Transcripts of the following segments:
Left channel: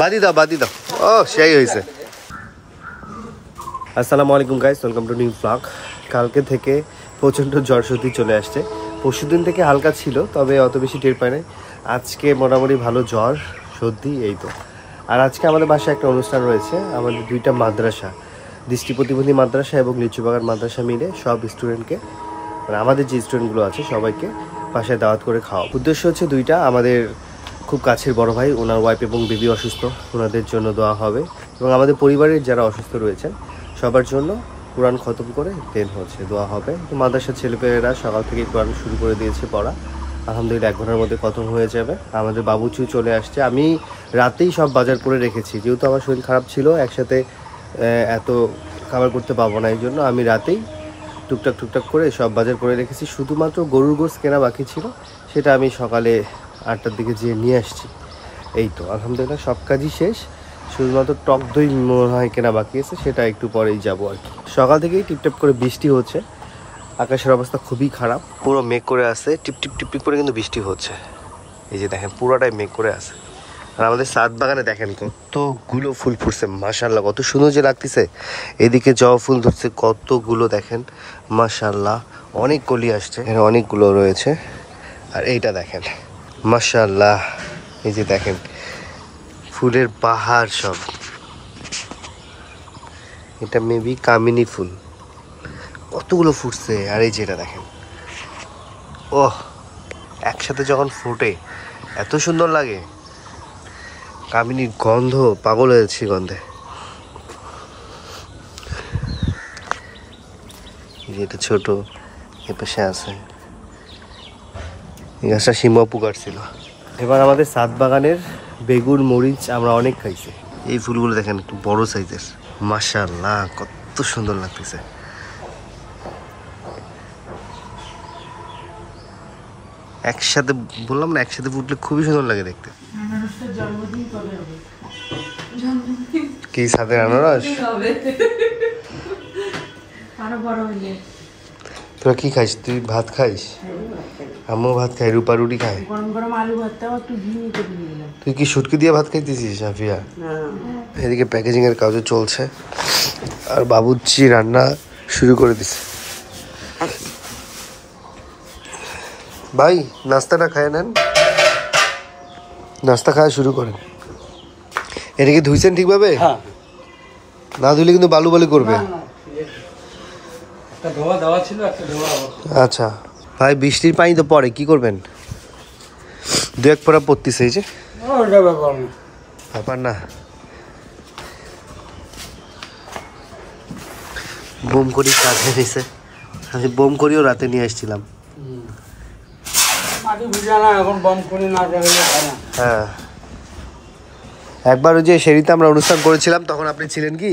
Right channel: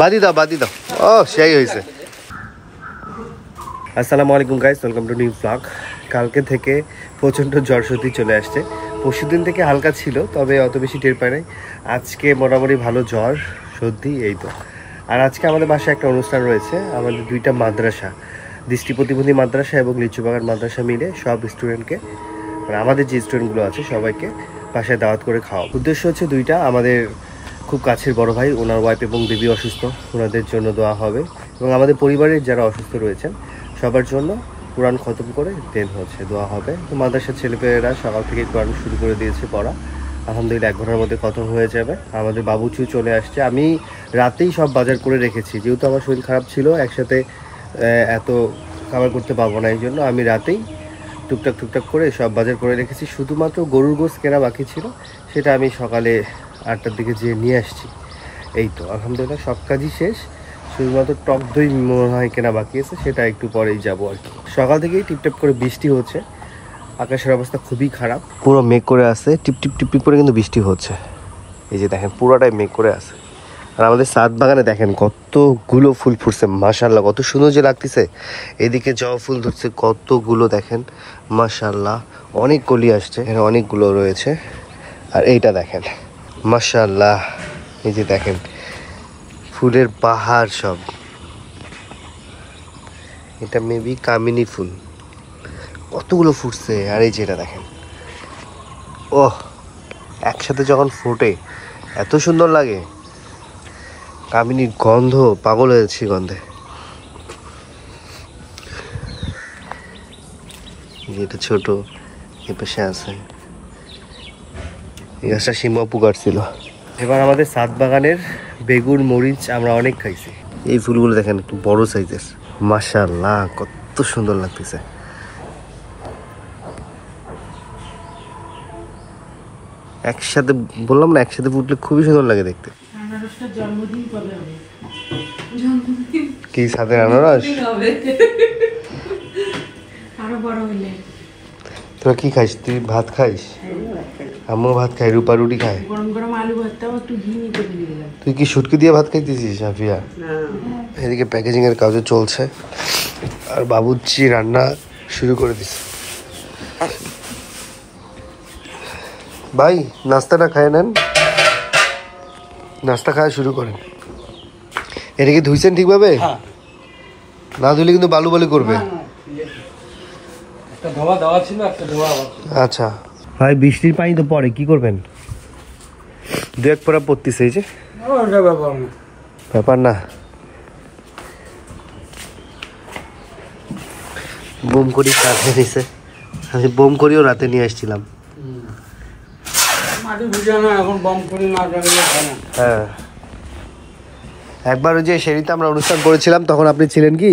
বাদি দাও ও সেই হয়েছে। আসসালামু আলাইকুম guys, welcome to new blog. কালকে থেকে প্রচণ্ড জ্বর সর্দি চলে আসছে। পরশুদিন থেকে হালকা ছিল, তবে অত বেশি টের পায় নাই। আজকে মোটামুটি ভালো জ্বর সর্দি এই তো। আর আজকে আমাদের বাসায় একটা অনুষ্ঠান রয়েছে। আমাদের দুইটা মাদ্রাসা, দৃষ্টি প্রতিবন্ধী মাদ্রাসা এবং লিচুবাগান মাদ্রাসা মিলে সব স্টুডেন্টকে, মানে আমাদের যে স্টুডেন্টগুলো আছে সবাইকে বাসায় দাওয়াত করে খাওয়া। উদ্দেশ্য হচ্ছে দুইটা, আমাদের খুব কাছের বড় ভাই, ওনার ওয়াইফ এবং বেবি অসুস্থ, ওনাদের জন্য দেওয়া হবে, এবং আমাদের পরিবারের যারা অসুস্থ রয়েছেন সবার জন্য কোরআন খতম করে দেন হচ্ছে দেওয়া হবে। তো মাদ্রাসার ছেলেপেলেরা সকাল থেকে কোরআন শুরু করে দিয়েছে পড়া। আলহামদুলিল্লাহ 1 ঘন্টার মধ্যে খতম হয়ে যাবে। আমাদের বাবুচু চলে আসছে। আমি রাতেই সব বাজার করে রেখেছি, যেহেতু আমার শরীর খারাপ ছিল, একসাথে এত খাবার করতে পারবো না, এই জন্য আমি রাতেই টুকটাক করে সব বাজার করে রেখেছি। শুধুমাত্র গরুর গোশত কেনা বাকি ছিল, সেটা আমি সকালে 8টার দিকে যেয়ে নিয়ে আসছি। এই তো আলহামদুলিল্লাহ সব কাজই শেষ, শুধুমাত্র টক দই মনে হয় কেনা বাকি আছে, সেটা একটু পরেই যাবো আর কি। সকাল থেকেই টিপটাপ করে বৃষ্টি হচ্ছে, আকাশের অবস্থা খুবই খারাপ, পুরো মেঘ করে আছে, টিপটিপ করে কিন্তু বৃষ্টি হচ্ছে। এই যে দেখেন পুরোটাই মেঘ করে আছে। আর আমাদের ছাদ বাগানে দেখেন কতগুলো ফুল ফুটছে, মাশাআল্লাহ কত সুন্দর যে লাগতেছে। এদিকে জবা ফুল ধরছে কতগুলো, দেখেন মাশাআল্লাহ অনেক কলি আসছে, এখানে অনেকগুলো রয়েছে। আর এইটা দেখেন মাশাআল্লাহ, এই যে দেখেন ফুলের পাহাড় সব। এটা মেবি কামিনী ফুল, কতগুলো ফুটছে। আর এই যে এটা দেখেন, ওহ একসাথে যখন ফোটে এত সুন্দর লাগে। কামিনীর গন্ধ, পাগল হয়েছি গন্ধে। এটা ছোট, এ পাশে আছে, এই গাছটা সিম্বাপু কাটছিল। এবার আমাদের ছাদ বাগানের বেগুন মরিচ আমরা অনেক খাইছি। এই ফুলগুলো দেখেন একটু বড় সাইজের, মাশাআল্লাহ কত সুন্দর লাগতেছে। একসাথে বললাম না, একসাথে ফুটলে খুবই সুন্দর লাগে দেখতে। কি সাথে আনারস? তোরা কি খাইস? তুই ভাত খাইস? আমিও ভাত খাই, রূপা রুটি খাই। তুই কি শুটকি দিয়ে ভাত খাইতেছিস সাফিয়া? এদিকে প্যাকেজিং এর কাজও চলছে, আর বাবুর্চি রান্না শুরু করে দিছে। ভাই নাস্তাটা খায় নেন, নাস্তা খাওয়া শুরু করেন। এদিকে ধুইছেন ঠিকভাবে? না ধুইলে কিন্তু বালু বালু করবে। আচ্ছা ভাই, বৃষ্টির পানি তো পড়ে, কি করবেন? 2-1 ফোঁটা পড়তেছে, এই যে ব্যাপার না। বোম করি রাতে নিছে, আমি বোম করিও রাতে নিয়ে আসছিলাম। হ্যাঁ, একবার ওই যে সেরিতে আমরা অনুষ্ঠান করেছিলাম, তখন আপনি ছিলেন কি?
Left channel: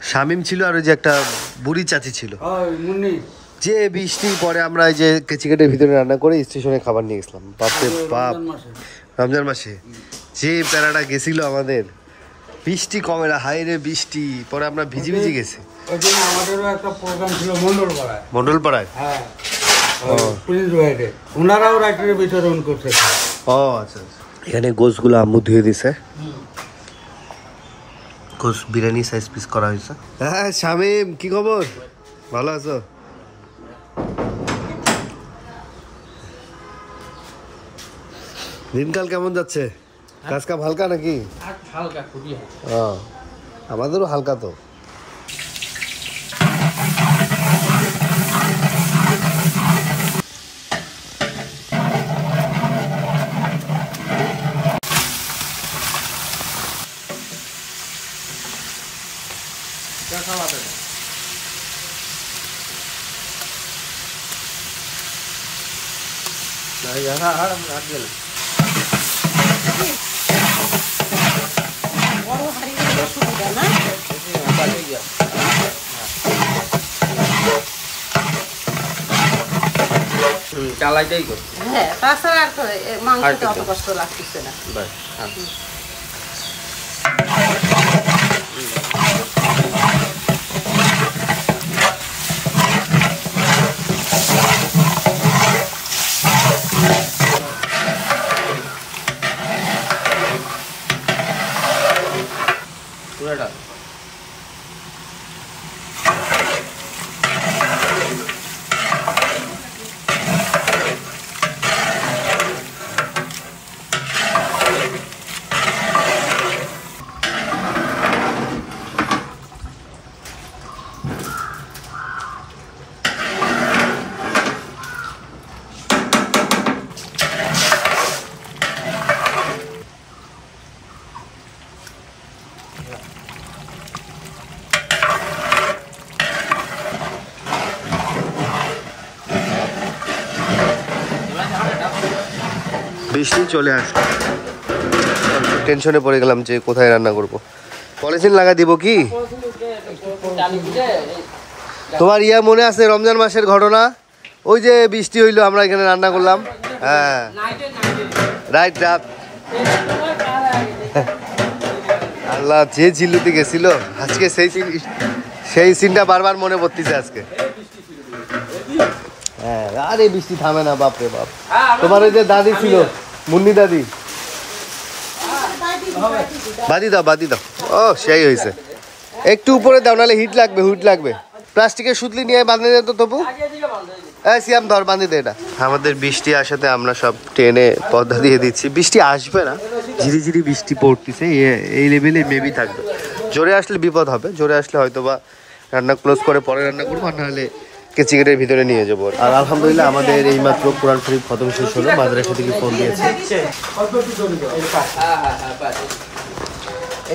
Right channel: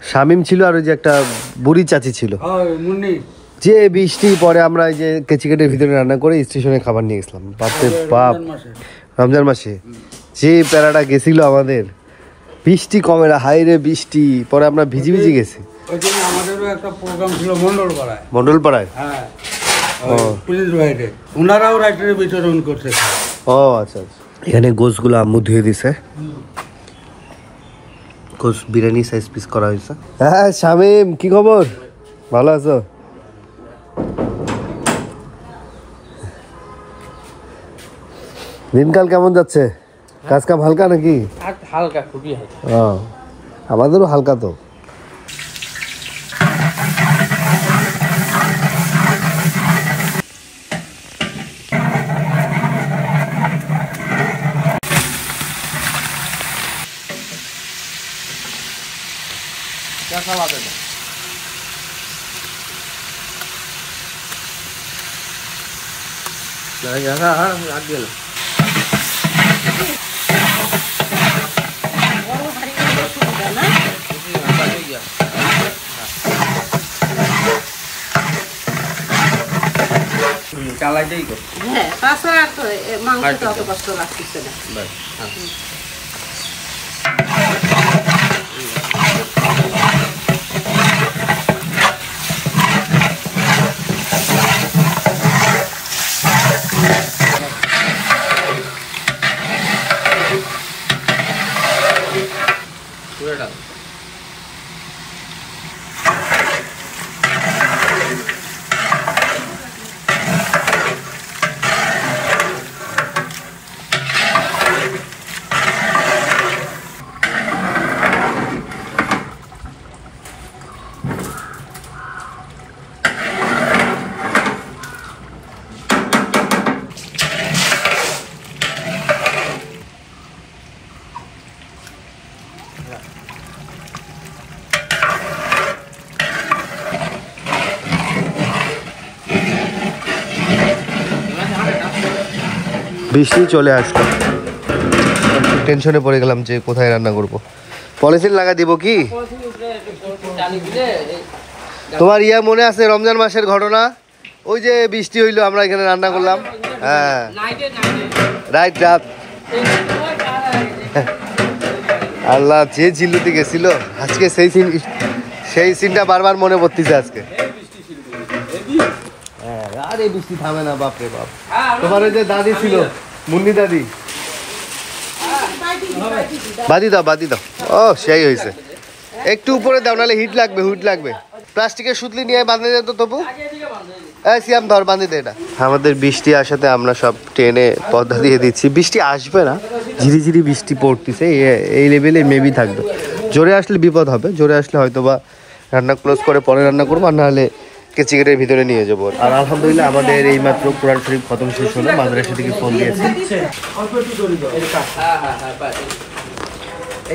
শামিম ছিল, আর ওই যে একটা বুড়ি চাচি ছিল। যে বৃষ্টির পরে আমরা এই যে কেচিকেটের ভিতরে রান্না করে স্টেশনে খাবার নিয়ে গেছিলাম। বাপ, রমজান মাসে যে প্যারাটা গেছিল আমাদের, বৃষ্টি কমে না, হাই রে বৃষ্টি, পরে আমরা ভিজি গেছি। আমাদেরও একটা প্রোগ্রাম ছিল মন্ডলপাড়ায়। হ্যাঁ, পুলিশ বাইরে, ওনারাও রাইটারের বিতরণ করছে। ও আচ্ছা আচ্ছা। এখানে গোশগুলো আম্মু ধুয়ে দিছে, গোশ বিরিয়ানি সাইজ পিস করা হয়েছে। হ্যাঁ শামিম, কি খবর? ভালো আছো? দিনকাল কেমন যাচ্ছে? কাজ কাম হালকা নাকি? হালকা, খুবই আমাদেরও হালকা। তো হ্যাঁ, তাছাড়া আর তো মাংসটা অত কষ্ট লাগতেছে না। বৃষ্টি চলে আসছে, টেনশনে পড়ে গেলাম যে কোথায় রান্না করব। পলিথিন লাগা দিব কি? তোমার ইয়া মনে আছে রমজান মাসের ঘটনা? ওই যে বৃষ্টি হইলো, আমরা এখানে রান্না করলাম। হ্যাঁ, রাইট রাত। আল্লাহ, যে ঝিল্লুতে গেছিল আজকে সেই সিনটা বারবার মনে পড়তেছে আজকে। হ্যাঁ, আরে বৃষ্টি থামে না, বাপরে বাপ। তোমার ওই যে দাদি ছিল, মুন্নি দাদি, বাদি দাও বাদি দাও। ও সেই হয়েছে, একটু উপরে দাও, নাহলে হিট লাগবে, হিট লাগবে। প্লাস্টিকের সুতলি নিয়ে বাঁধে যেত তবু। সিয়াম ধর, বাঁধি দে এটা। আমাদের বৃষ্টি আসাতে আমরা সব ট্রেনে পর্দা দিয়ে দিচ্ছি। বৃষ্টি আসবে না, ঝিরি ঝিরি বৃষ্টি পড়তেছে, এই লেভেলে মেবি থাকবে। জোরে আসলে বিপদ হবে, জোরে আসলে হয়তো বা রান্না ক্লোজ করে পরে রান্না করবো, আর নাহলে কেচিকেটের ভিতরে নিয়ে যাবো। আর আলহামদুলিল্লাহ আমাদের এইমাত্র কোরআন শরীফ খতম শেষ হলো, মাদ্রাসা থেকে ফোন দিয়েছে।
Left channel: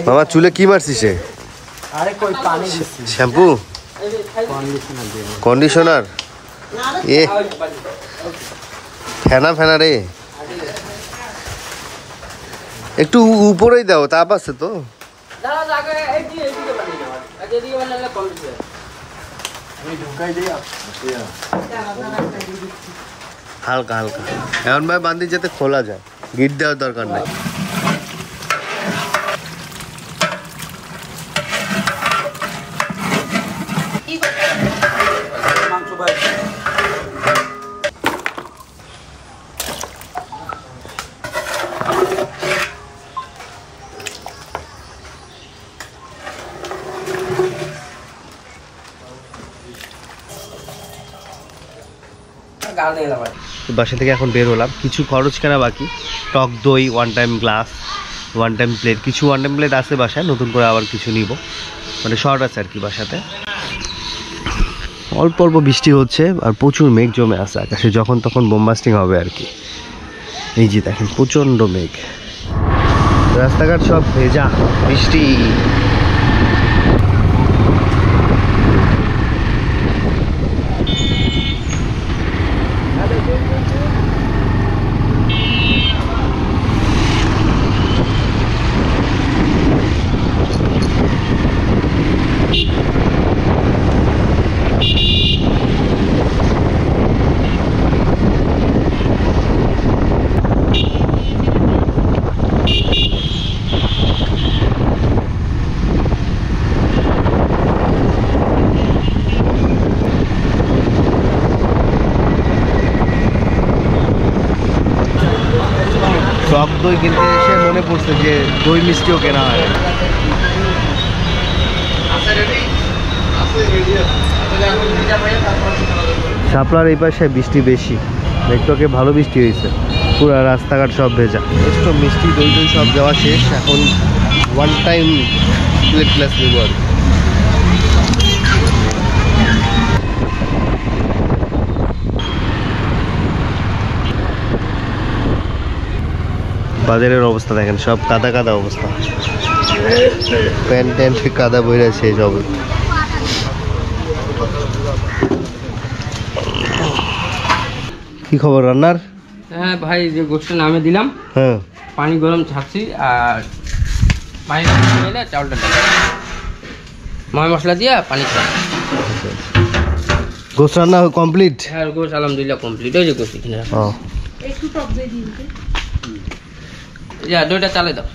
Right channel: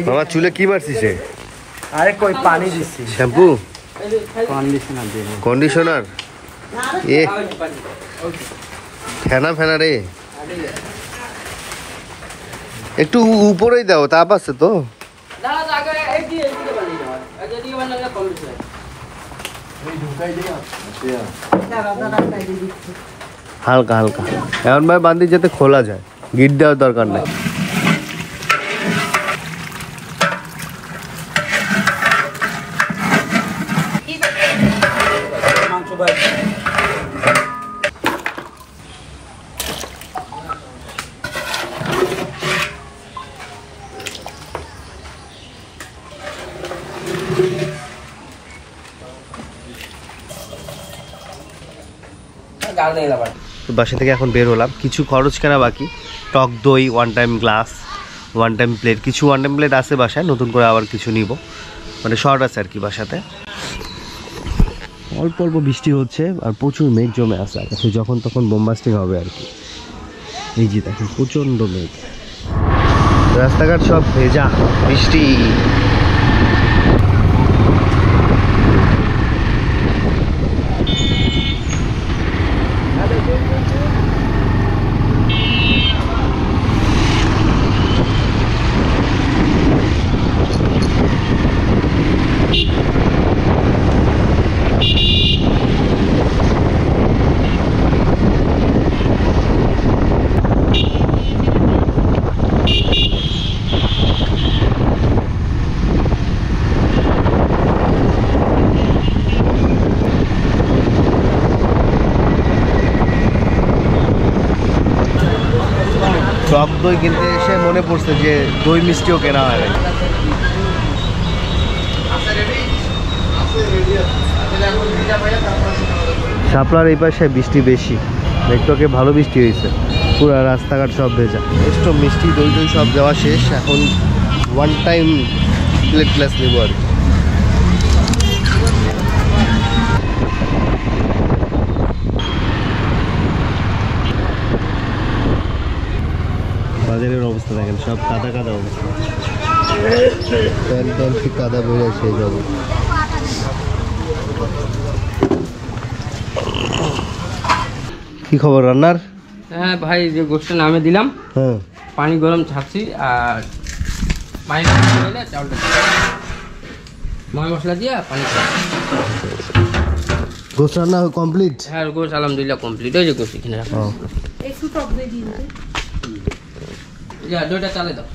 মামা চুলে কি মারছিস? আরে কই পানি দিচ্ছি, শ্যাম্পু, কন্ডিশনার দিয়ে। কন্ডিশনার, এ ফেনা ফেনা রে। একটু উপরেই দাও, তাপ আছে তো। হালকা হালকা এমন ভাবে বান্ধি যাতে খোলা যায়, গিট দেওয়ার দরকার নাই। বাসা থেকে এখন বের হলাম, কিছু খরচ কেনা বাকি। টক দই, one time glass, one time plate, কিছু ওয়ান টাইম প্লেট আছে বাসায়, নতুন করে আবার কিছু নিব, মানে শর্ট আছে আর কি বাসাতে। অল্প অল্প বৃষ্টি হচ্ছে আর প্রচুর মেঘ জমে আছে আকাশে, যখন তখন বোমবাস্টিং হবে আর কি। এই যে দেখেন প্রচণ্ড মেঘ, রাস্তাঘাট সব ভেজা, বৃষ্টি। টক দই কিনতে এসে মনে পড়ছে যে দই মিষ্টিও কেনা হয়। শাপলার এই পাশে বৃষ্টি বেশি, একটুকে ভালো বৃষ্টি হয়েছে, পুরো রাস্তাঘাট সব ভেজা। একটু মিষ্টি দই দই সব দেওয়া শেষ, এখন ওয়ান টাইম প্লেট গ্লাস নেব আর। বাজারের অবস্থা দেখেন, সব কাদা কাদা অবস্থা, প্যান্ট ট্যান্ট কাদা বইরা সেই যাব। কি খবর রান্নার? হ্যাঁ ভাই, যে গোষ্ঠটা নামে দিলাম, হ্যাঁ পানি গরম ছাড়ছি, আর পানি এলে চাউলটা ময় মশলা দিয়ে পানি খাওয়া। গোশ রান্না কমপ্লিট? হ্যাঁ গোশ আলহামদুলিল্লাহ কমপ্লিট। ওই যে গোশ এখানে রাখা। দইটা চালে দাও।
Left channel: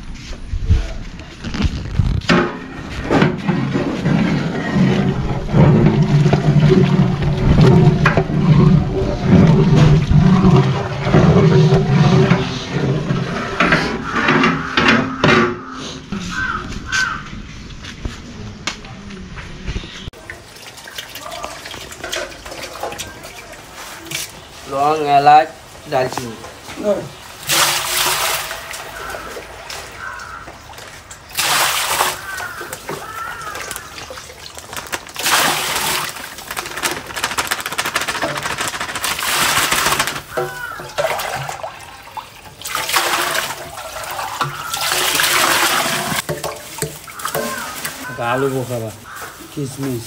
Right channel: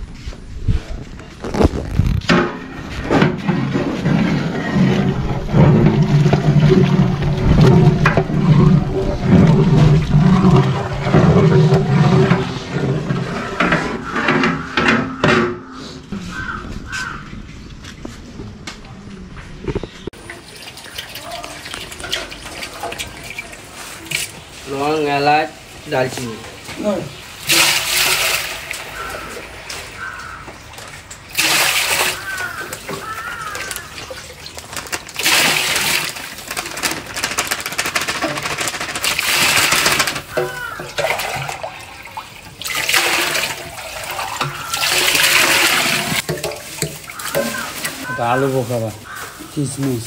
দালচিনি আলু বোখারা কিশমিশ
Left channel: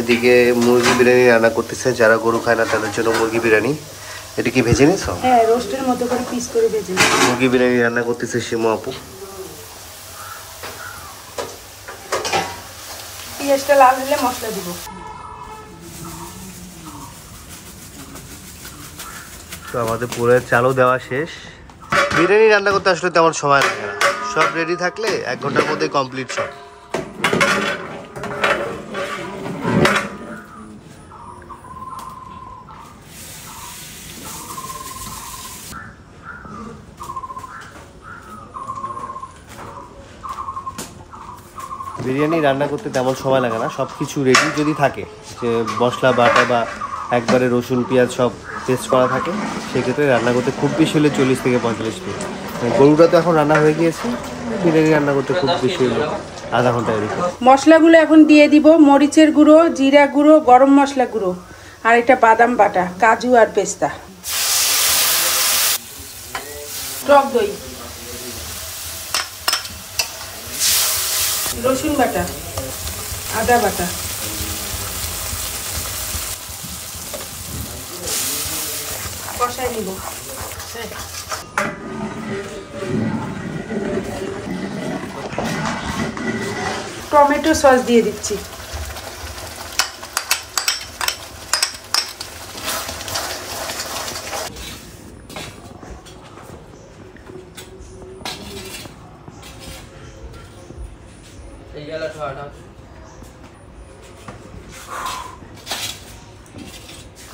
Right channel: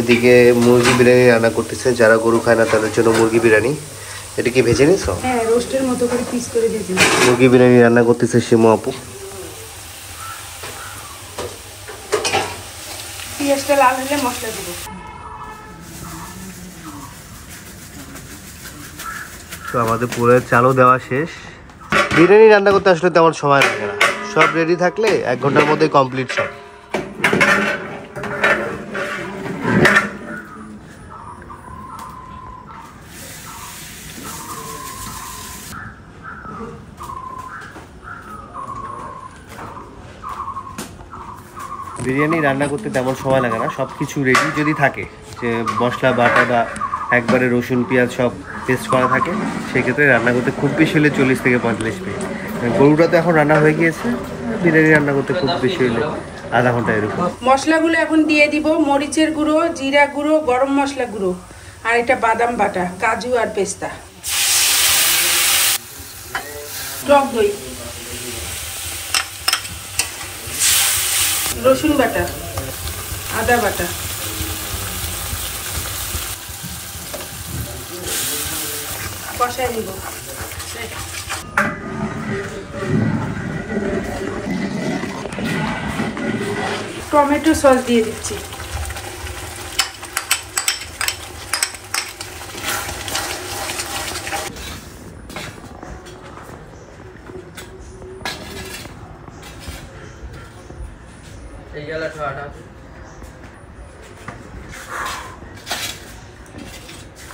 এদিকে মুরগি বিরিয়ানি রান্না করতেছে, যারা গরু খায় না তাদের জন্য মুরগি বিরিয়ানি। এটা কি ভেজে নিছো? হ্যাঁ, রোস্টের মতো করে পিস করে দিয়েছি। মুরগি বিরিয়ানি রান্না করতেছে শিমু আপু। পেঁয়াজটা লাল হলে মশলা দিব। তো আমাদের পুরো চালও দেওয়া শেষ। বিরিয়ানি রান্না করতে আসলে তেমন সময় লাগে না, সব রেডি থাকলে 1 ঘন্টার মধ্যে কমপ্লিট সব। বিরিয়ানি রান্না করতে তেমন সময় লাগে না, সব কিছু রেডি যদি থাকে, যে মশলা বাটা বা একবারে রসুন পেঁয়াজ সব পেস্ট করা থাকে, সেক্ষেত্রে রান্না করতে খুব বেশি হলে 40 থেকে 45 মিনিট। গরুটা তো এখন রান্না হয়ে গিয়েছে, বিরিয়ানি রান্না করতে খুব বেশি হলে আধা ঘন্টা এরকম। মশলাগুলো এখন দিয়ে দিব। মরিচের গুঁড়ো, জিরা গুঁড়ো, গরম মশলা গুঁড়ো, আর এটা বাদাম বাটা, কাজু আর পেস্তা, টক দই, রসুন বাটা, আদা বাটা, কষাই দিব। টমেটো সস দিয়ে দিচ্ছি।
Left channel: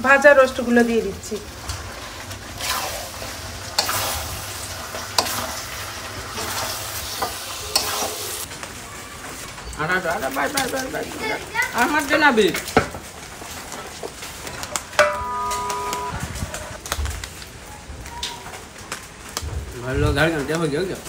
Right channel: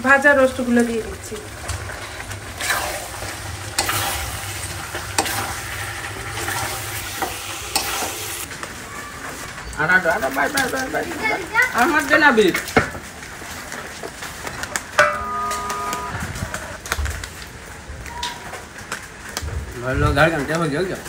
ভাজা রোস্টগুলো দিয়ে দিচ্ছি। আমার জন্য বিট ভালো গাড়ি গাড়ি হয়ে গেল।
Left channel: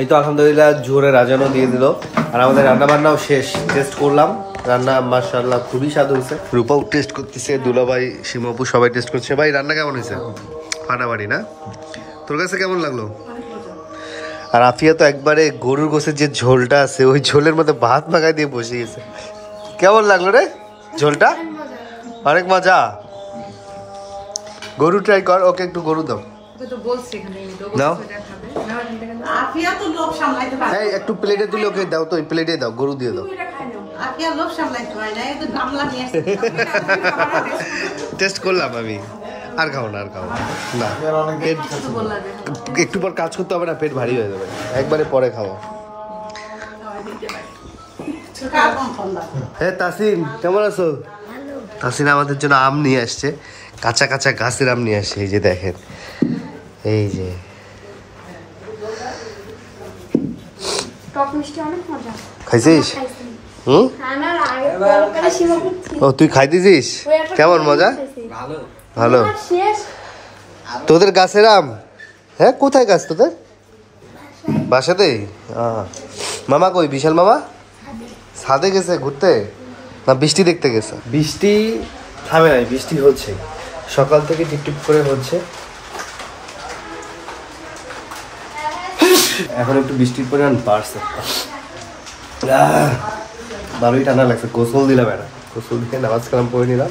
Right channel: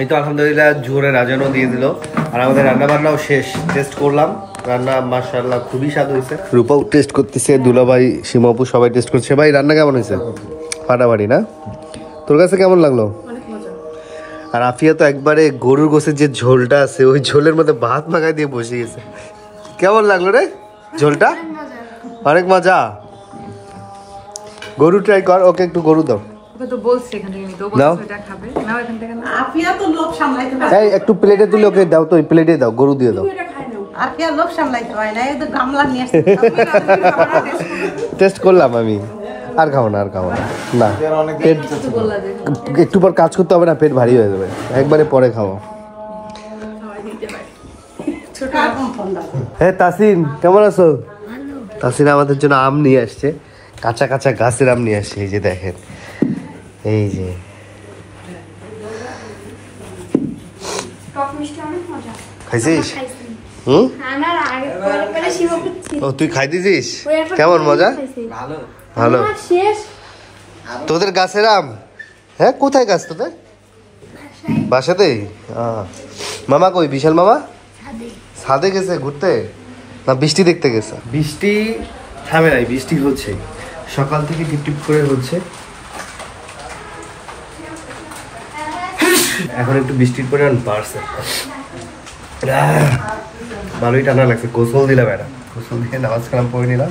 এই তো আলহামদুলিল্লাহ জোরে রাজানো দিয়ে দিল, আর আমাদের রান্না বান্নাও শেষ। টেস্ট করলাম, রান্না মাশাআল্লাহ খুবই স্বাদ হয়েছে। রূপাও টেস্ট করতেছে, দুলাভাই, শিমাপু সবাই টেস্ট করছে। ভাই রান্না কেমন হয়েছে? ফাটাফাটি না? তোর কাছে কেমন লাগলো? আর আফিয়া তো একবারে গরুর গোশের যে ঝোলটা আছে ওই ঝোলের মধ্যে ভাত মাখাই দিয়ে বসে গেছে। কেমন লাগলো রে ঝোলটা? অনেক মজা। গরু ট্রাই কর, ওকে একটু গরু দাও। এই একটু প্লেটে তুলে ওকে দাও, তো প্লেটে দাও, গরু দিয়ে দাও। টেস্ট করলাম আমি, আর খাবো না, আর খাবো না। না পেট একটু পর কাজ করতে হবে না, পেট ভারী হয়ে যাবে, একবারে পরে খাবো। হ্যাঁ তাসিন কেমন আছো? তাসিন আমাদের জন্য আম নিয়ে আসছে, কাঁচা কাঁচা গাছের আম নিয়ে আসছে। এই যে দেখেন, এই যে খাইছিস? ও তুই খাই দিছিস? কেমন মজা? ভালো। তোদের গাছের আম? হ্যাঁ, কোথায় গাছ তোদের? বাসাতেই। মামা কই? বিশাল মামা ছাদে গেছে ঘুরতে না বৃষ্টি দেখতে গেছে? বৃষ্টি থামে নাই, বৃষ্টি হচ্ছে সকাল থেকে, টিপটিপ করে হচ্ছে। এখন একটু বৃষ্টির পরিমাণ বাড়ছে, ভালোই ঠান্ডা লাগছে। গোসল দিলাম, গোসল দিয়ে নামাজ কালাম পড়ে নিলাম,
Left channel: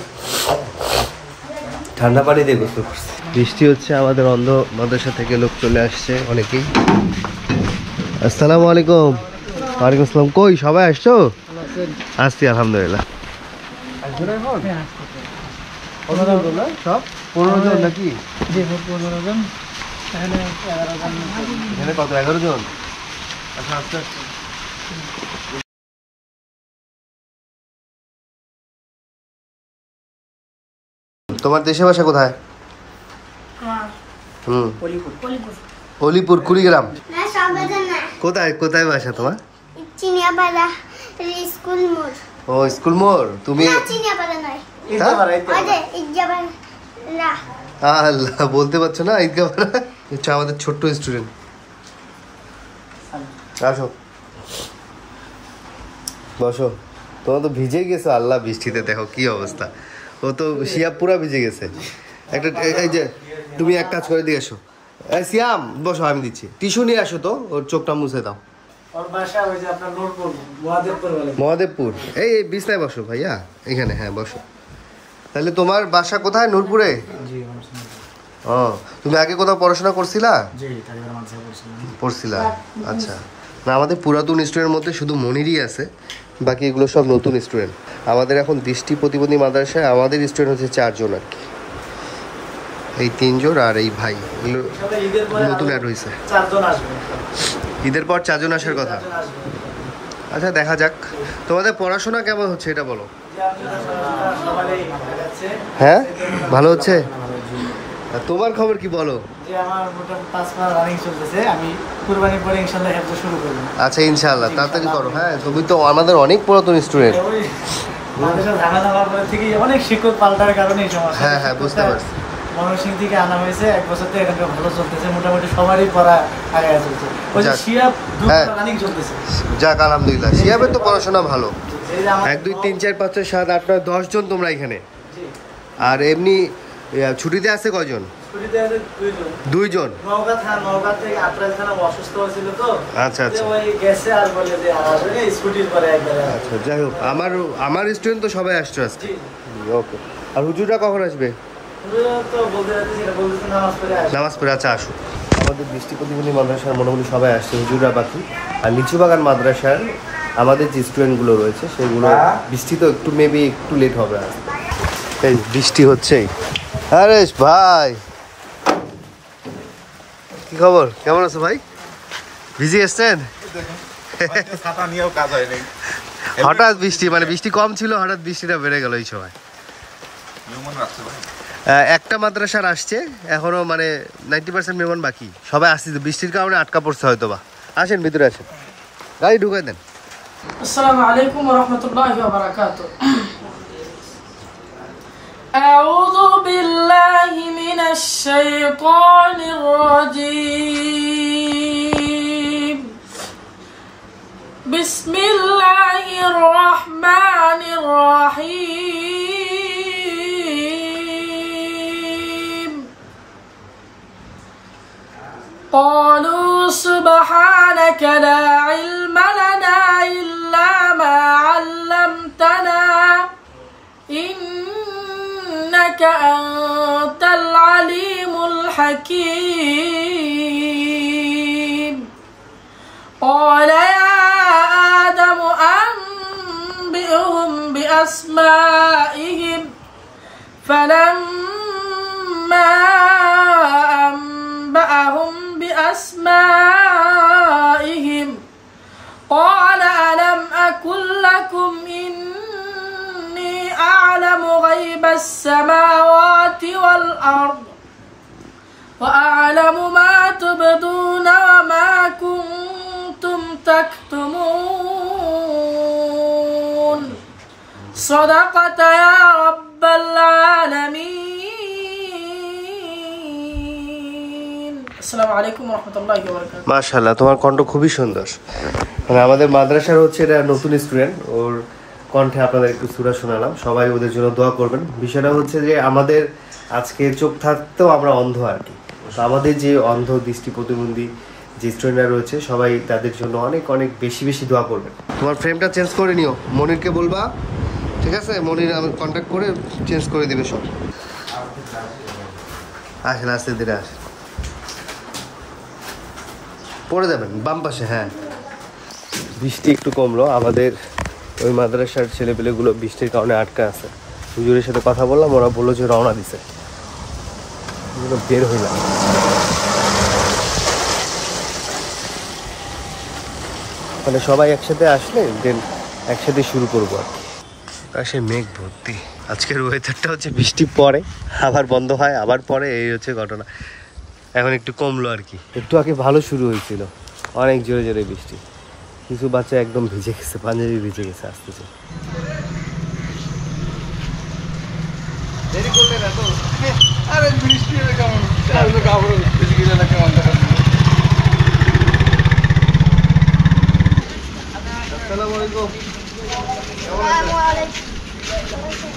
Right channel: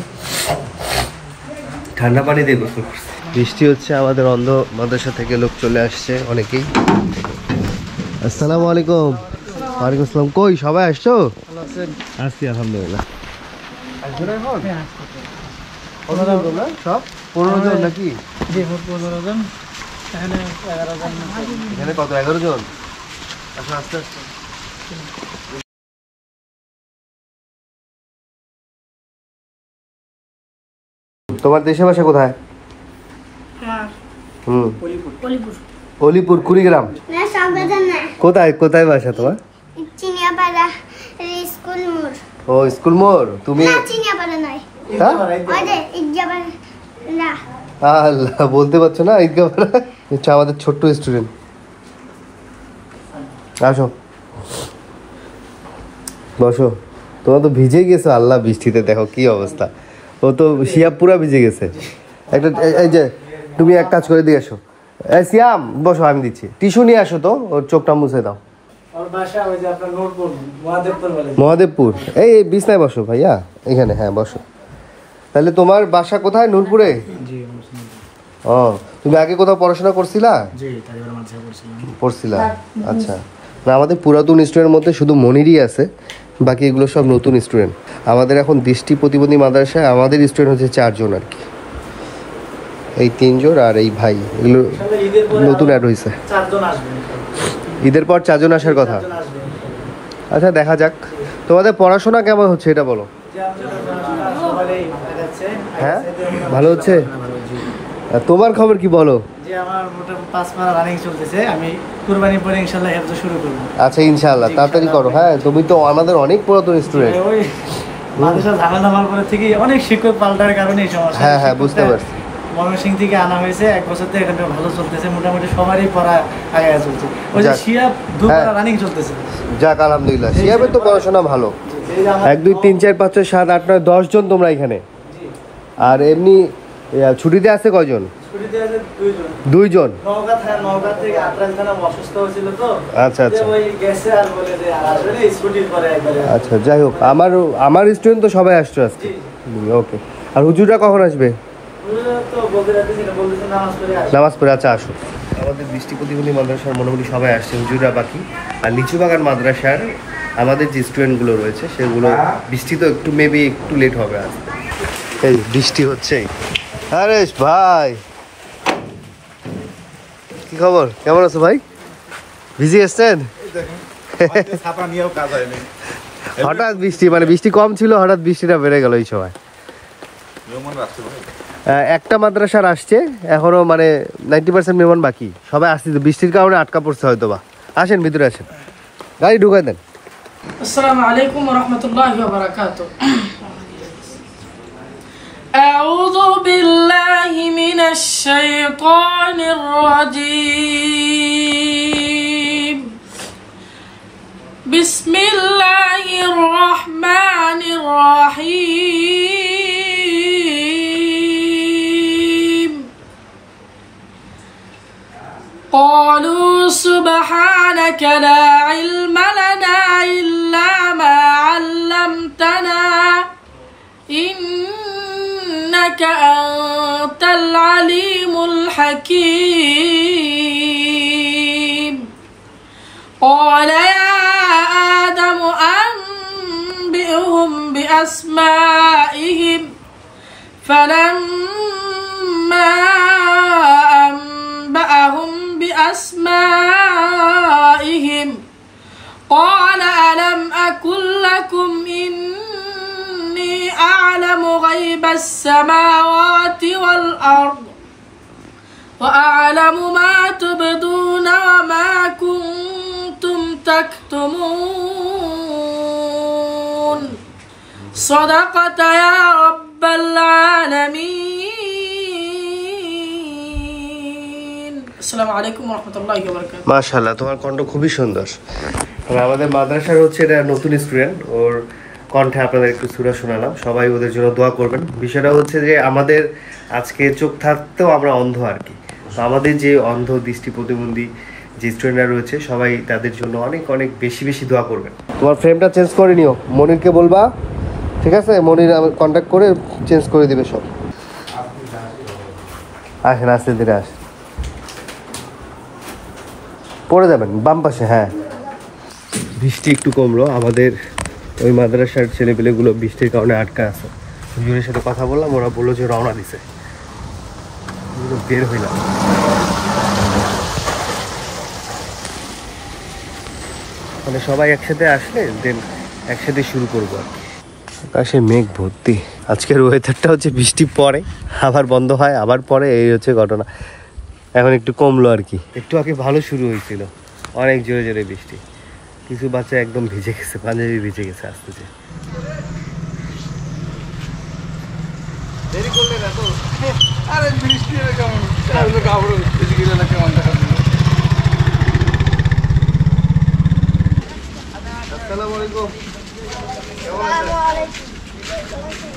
ঠান্ডা পানি দিয়ে গোসল করছি। বৃষ্টি হচ্ছে, আমাদের অন্ধ মাদ্রাসা থেকে লোক চলে আসছে অনেকেই। আসসালামু আলাইকুম। ওয়ালাইকুম আসসালাম। কই সবাই আসছো? আসছি আলহামদুলিল্লাহ। সব 15 জন নাকি? এখানে কত? 11 জন। আচ্ছা, আস্তে আস্তে। তোমার দেশের বাসা কোথায়? অলিপুর, কুড়িগ্রাম। কোথায় কোথায় বাসা তোমার? ও, স্কুল মোড়। তুমি আল্লাহ বলতে পারছো না? ঈদগাপাড়া হচ্ছে আমাদের ছোট্ট স্টুডেন্ট। আসো, বসো। তোমার তো ভিজে গেছো আল্লাহ বৃষ্টিতে, দেখো কি অবস্থা। ও তো শিয়াব পুরা ভিজে গেছে। একটা এই যে তুমি এক কাজ করে দিয়ে আসো। সিয়াম বসো, আমি দিচ্ছি। টিস্যু নিয়ে আসো তো, ওর চোখটা মুছে দাও। মহাদেবপুর। এই বিছনায় বসো ভাইয়া, এখানে। হ্যাঁ বসো। তাহলে তোমার বাসা কোথায়? নূরপুরে? ও, তুমি আগে কোথাও পড়াশোনা করছিলা? পড়ছিলা, আচ্ছা। না, আমাদের পুরাতন স্টুডেন্টের মধ্যে শুধু মনিরই আছে, বাকি এগুলো সব নতুন স্টুডেন্ট। আমাদের এখন দৃষ্টি প্রতিবন্ধী মাদ্রাসায় আমাদের স্টুডেন্ট হচ্ছে 4 জন আর কি। এই 3 জন আর এই ভাই, এগুলো নতুন অ্যাড হয়েছে। ঈদের পর 4 জন আসার কথা। আচ্ছা, দেখা যাক। তোমাদের পড়াশোনা কেমন হচ্ছে এটা বলো। হ্যাঁ, ভালো হচ্ছে। তোমার খবর কি বলো? আচ্ছা, ইনশাআল্লাহ তাড়াতাড়ি করো। হ্যাঁ, তুমি তো আমাদের অনেক পুরাতন স্টুডেন্ট। অনেক শিক্ষক পাল্টার কারণে হ্যাঁ হ্যাঁ, বুঝতে পারছি। ময়মনসিং থেকে আনা হয়েছে, 1 বছর থেকে এখানটা ভালো চলতেছে, মোটামুটি সবারই পড়া আগে চলছে। ওই যে শিয়াব রানিং চলতেছে। যাক আলহামদুলিল্লাহ, শিয়াবের তো পড়াশোনা ভালো। 1 2 3 4 5 6 7 8 9 10 জন তোমরা এখানে। আর এমনি ছুটিতে আছে কয়জন? ছুটিতে আছে 2 জন। 2 জন। নওগাঁ থেকে আত্রাই থানা অসুস্থ হয়েছিল তো। আচ্ছা আচ্ছা। ওই গেছে আর বলে যে আর আসলে স্কুটির পরে একবারে। আচ্ছা, যাই হোক, আমার স্টুডেন্ট তো সবাই আসছে আজকে। ওকে। আর হুজুররা কখন আসবে? তো বলতে রাখছি, বলতেছে নামাজ পড়ে। আচ্ছা, আসো। আমাদের দৃষ্টি প্রতিবন্ধী মাদ্রাসার মোটামুটি সবাই আসছে, হুজুররা বাকি। আর লিচুবাগান মাদ্রাসার আমাদের যে স্টুডেন্টগুলো রয়েছে সেগুলো, বৃষ্টি তো একটু মেবি একটু লেট হবে আসতে। এই বৃষ্টি হচ্ছেই। আরে ভাই, কি খবর? কেমন আছো ভাই? ভিজে এসছেন? হঠাৎ বৃষ্টি, মানে বৃষ্টি কম ছিল, হঠাৎ বৃষ্টিটা বেড়ে গেল এই সময়। একটা মাদ্রাসার আসছে এখনো, মানে 90% মেহমান বাকি। সবাই আসছে, বৃষ্টির কারণে আটকা পড়ছে হয়তো বা। আসেন, ভিতরে আসেন, গাড়ি ঢুকাই দেন। আসসালামু আলাইকুম ওয়া রাহমাতুল্লাহি ওয়া বারাকাতুহু। আউযু বিল্লাহি মিনাশ শাইতানির রাজীম। বিসমিল্লাহির রাহমানির রাহিম। قالوا سبحانك لا علم لنا إلا ما علمتنا إنك أنت العليم الحكيم. قال يا آدم أنبئهم بأسمائهم فلما أنبأهم بأسمائهم قال ألم أقل لكم إني أعلم غيب السماوات والأرض وأعلم ما تبدون وما كنتم تكتمون. صدقت يا رب العالمين. আসসালামু আলাইকুম ওয়া রাহমাতুল্লাহি ওয়া বারাকাতুহু। মাশাআল্লাহ, তোমার কণ্ঠ খুবই সুন্দর। আমাদের মাদ্রাসার হচ্ছে এটা নতুন স্টুডেন্ট, ওর কণ্ঠে আপনাদের একটু সূরা শোনালাম। সবাই ওদের জন্য দোয়া করবেন। বিষয়টা হচ্ছে যে আমাদের আজকে চোখ থাকতেও আমরা অন্ধ আর কি, তো আমাদের যে অন্ধ দৃষ্টি প্রতিবন্ধী যে স্টুডেন্টরা রয়েছে সবাই তাদের জন্য অনেক অনেক বেশি বেশি দোয়া করবেন। তোমার ফ্রেমটা চেঞ্জ করে নিও, মনিরকে বলবা, ঠিক আছে? মনির আমার কন্ট্যাক্ট করে চেঞ্জ করে দিবে সব। আসেন, আস্তে ধীরে আস, পড়ে যাবেন বাম পাশে। হ্যাঁ, বৃষ্টি একটু কমলো। আমাদের ওই মাদ্রাসার ছেলেপেলেগুলো বৃষ্টির কারণে আটকা আছে। হুজুরের সাথে কথা বললাম, ওরা বললো যে রওনা দিছে, বের হইলাম। মানে সবাই একসাথে আসলে দেন একসাথে শুরু করবো আর কি। আকাশে মেঘ ভর্তি। আজকের ওয়েদারটা হচ্ছে বৃষ্টি পড়ে আবার বন্ধ হয়, আবার পরে, এই হচ্ছে ঘটনা। এখন একটু কমলো আর কি। একটু আগে ভালো শুরু হয়েছিল, অনেক জোরে জোরে বৃষ্টি। কিছু বাচ্চা একদম ভিজে গেছে, পাঞ্জাবি ভিজে গেছে আসতেছে। দেরি করলে না তো? আরে বৃষ্টি কেমন কাপড় ভিজে গেলে না কেমন দেখা। আসসালামু আলাইকুম।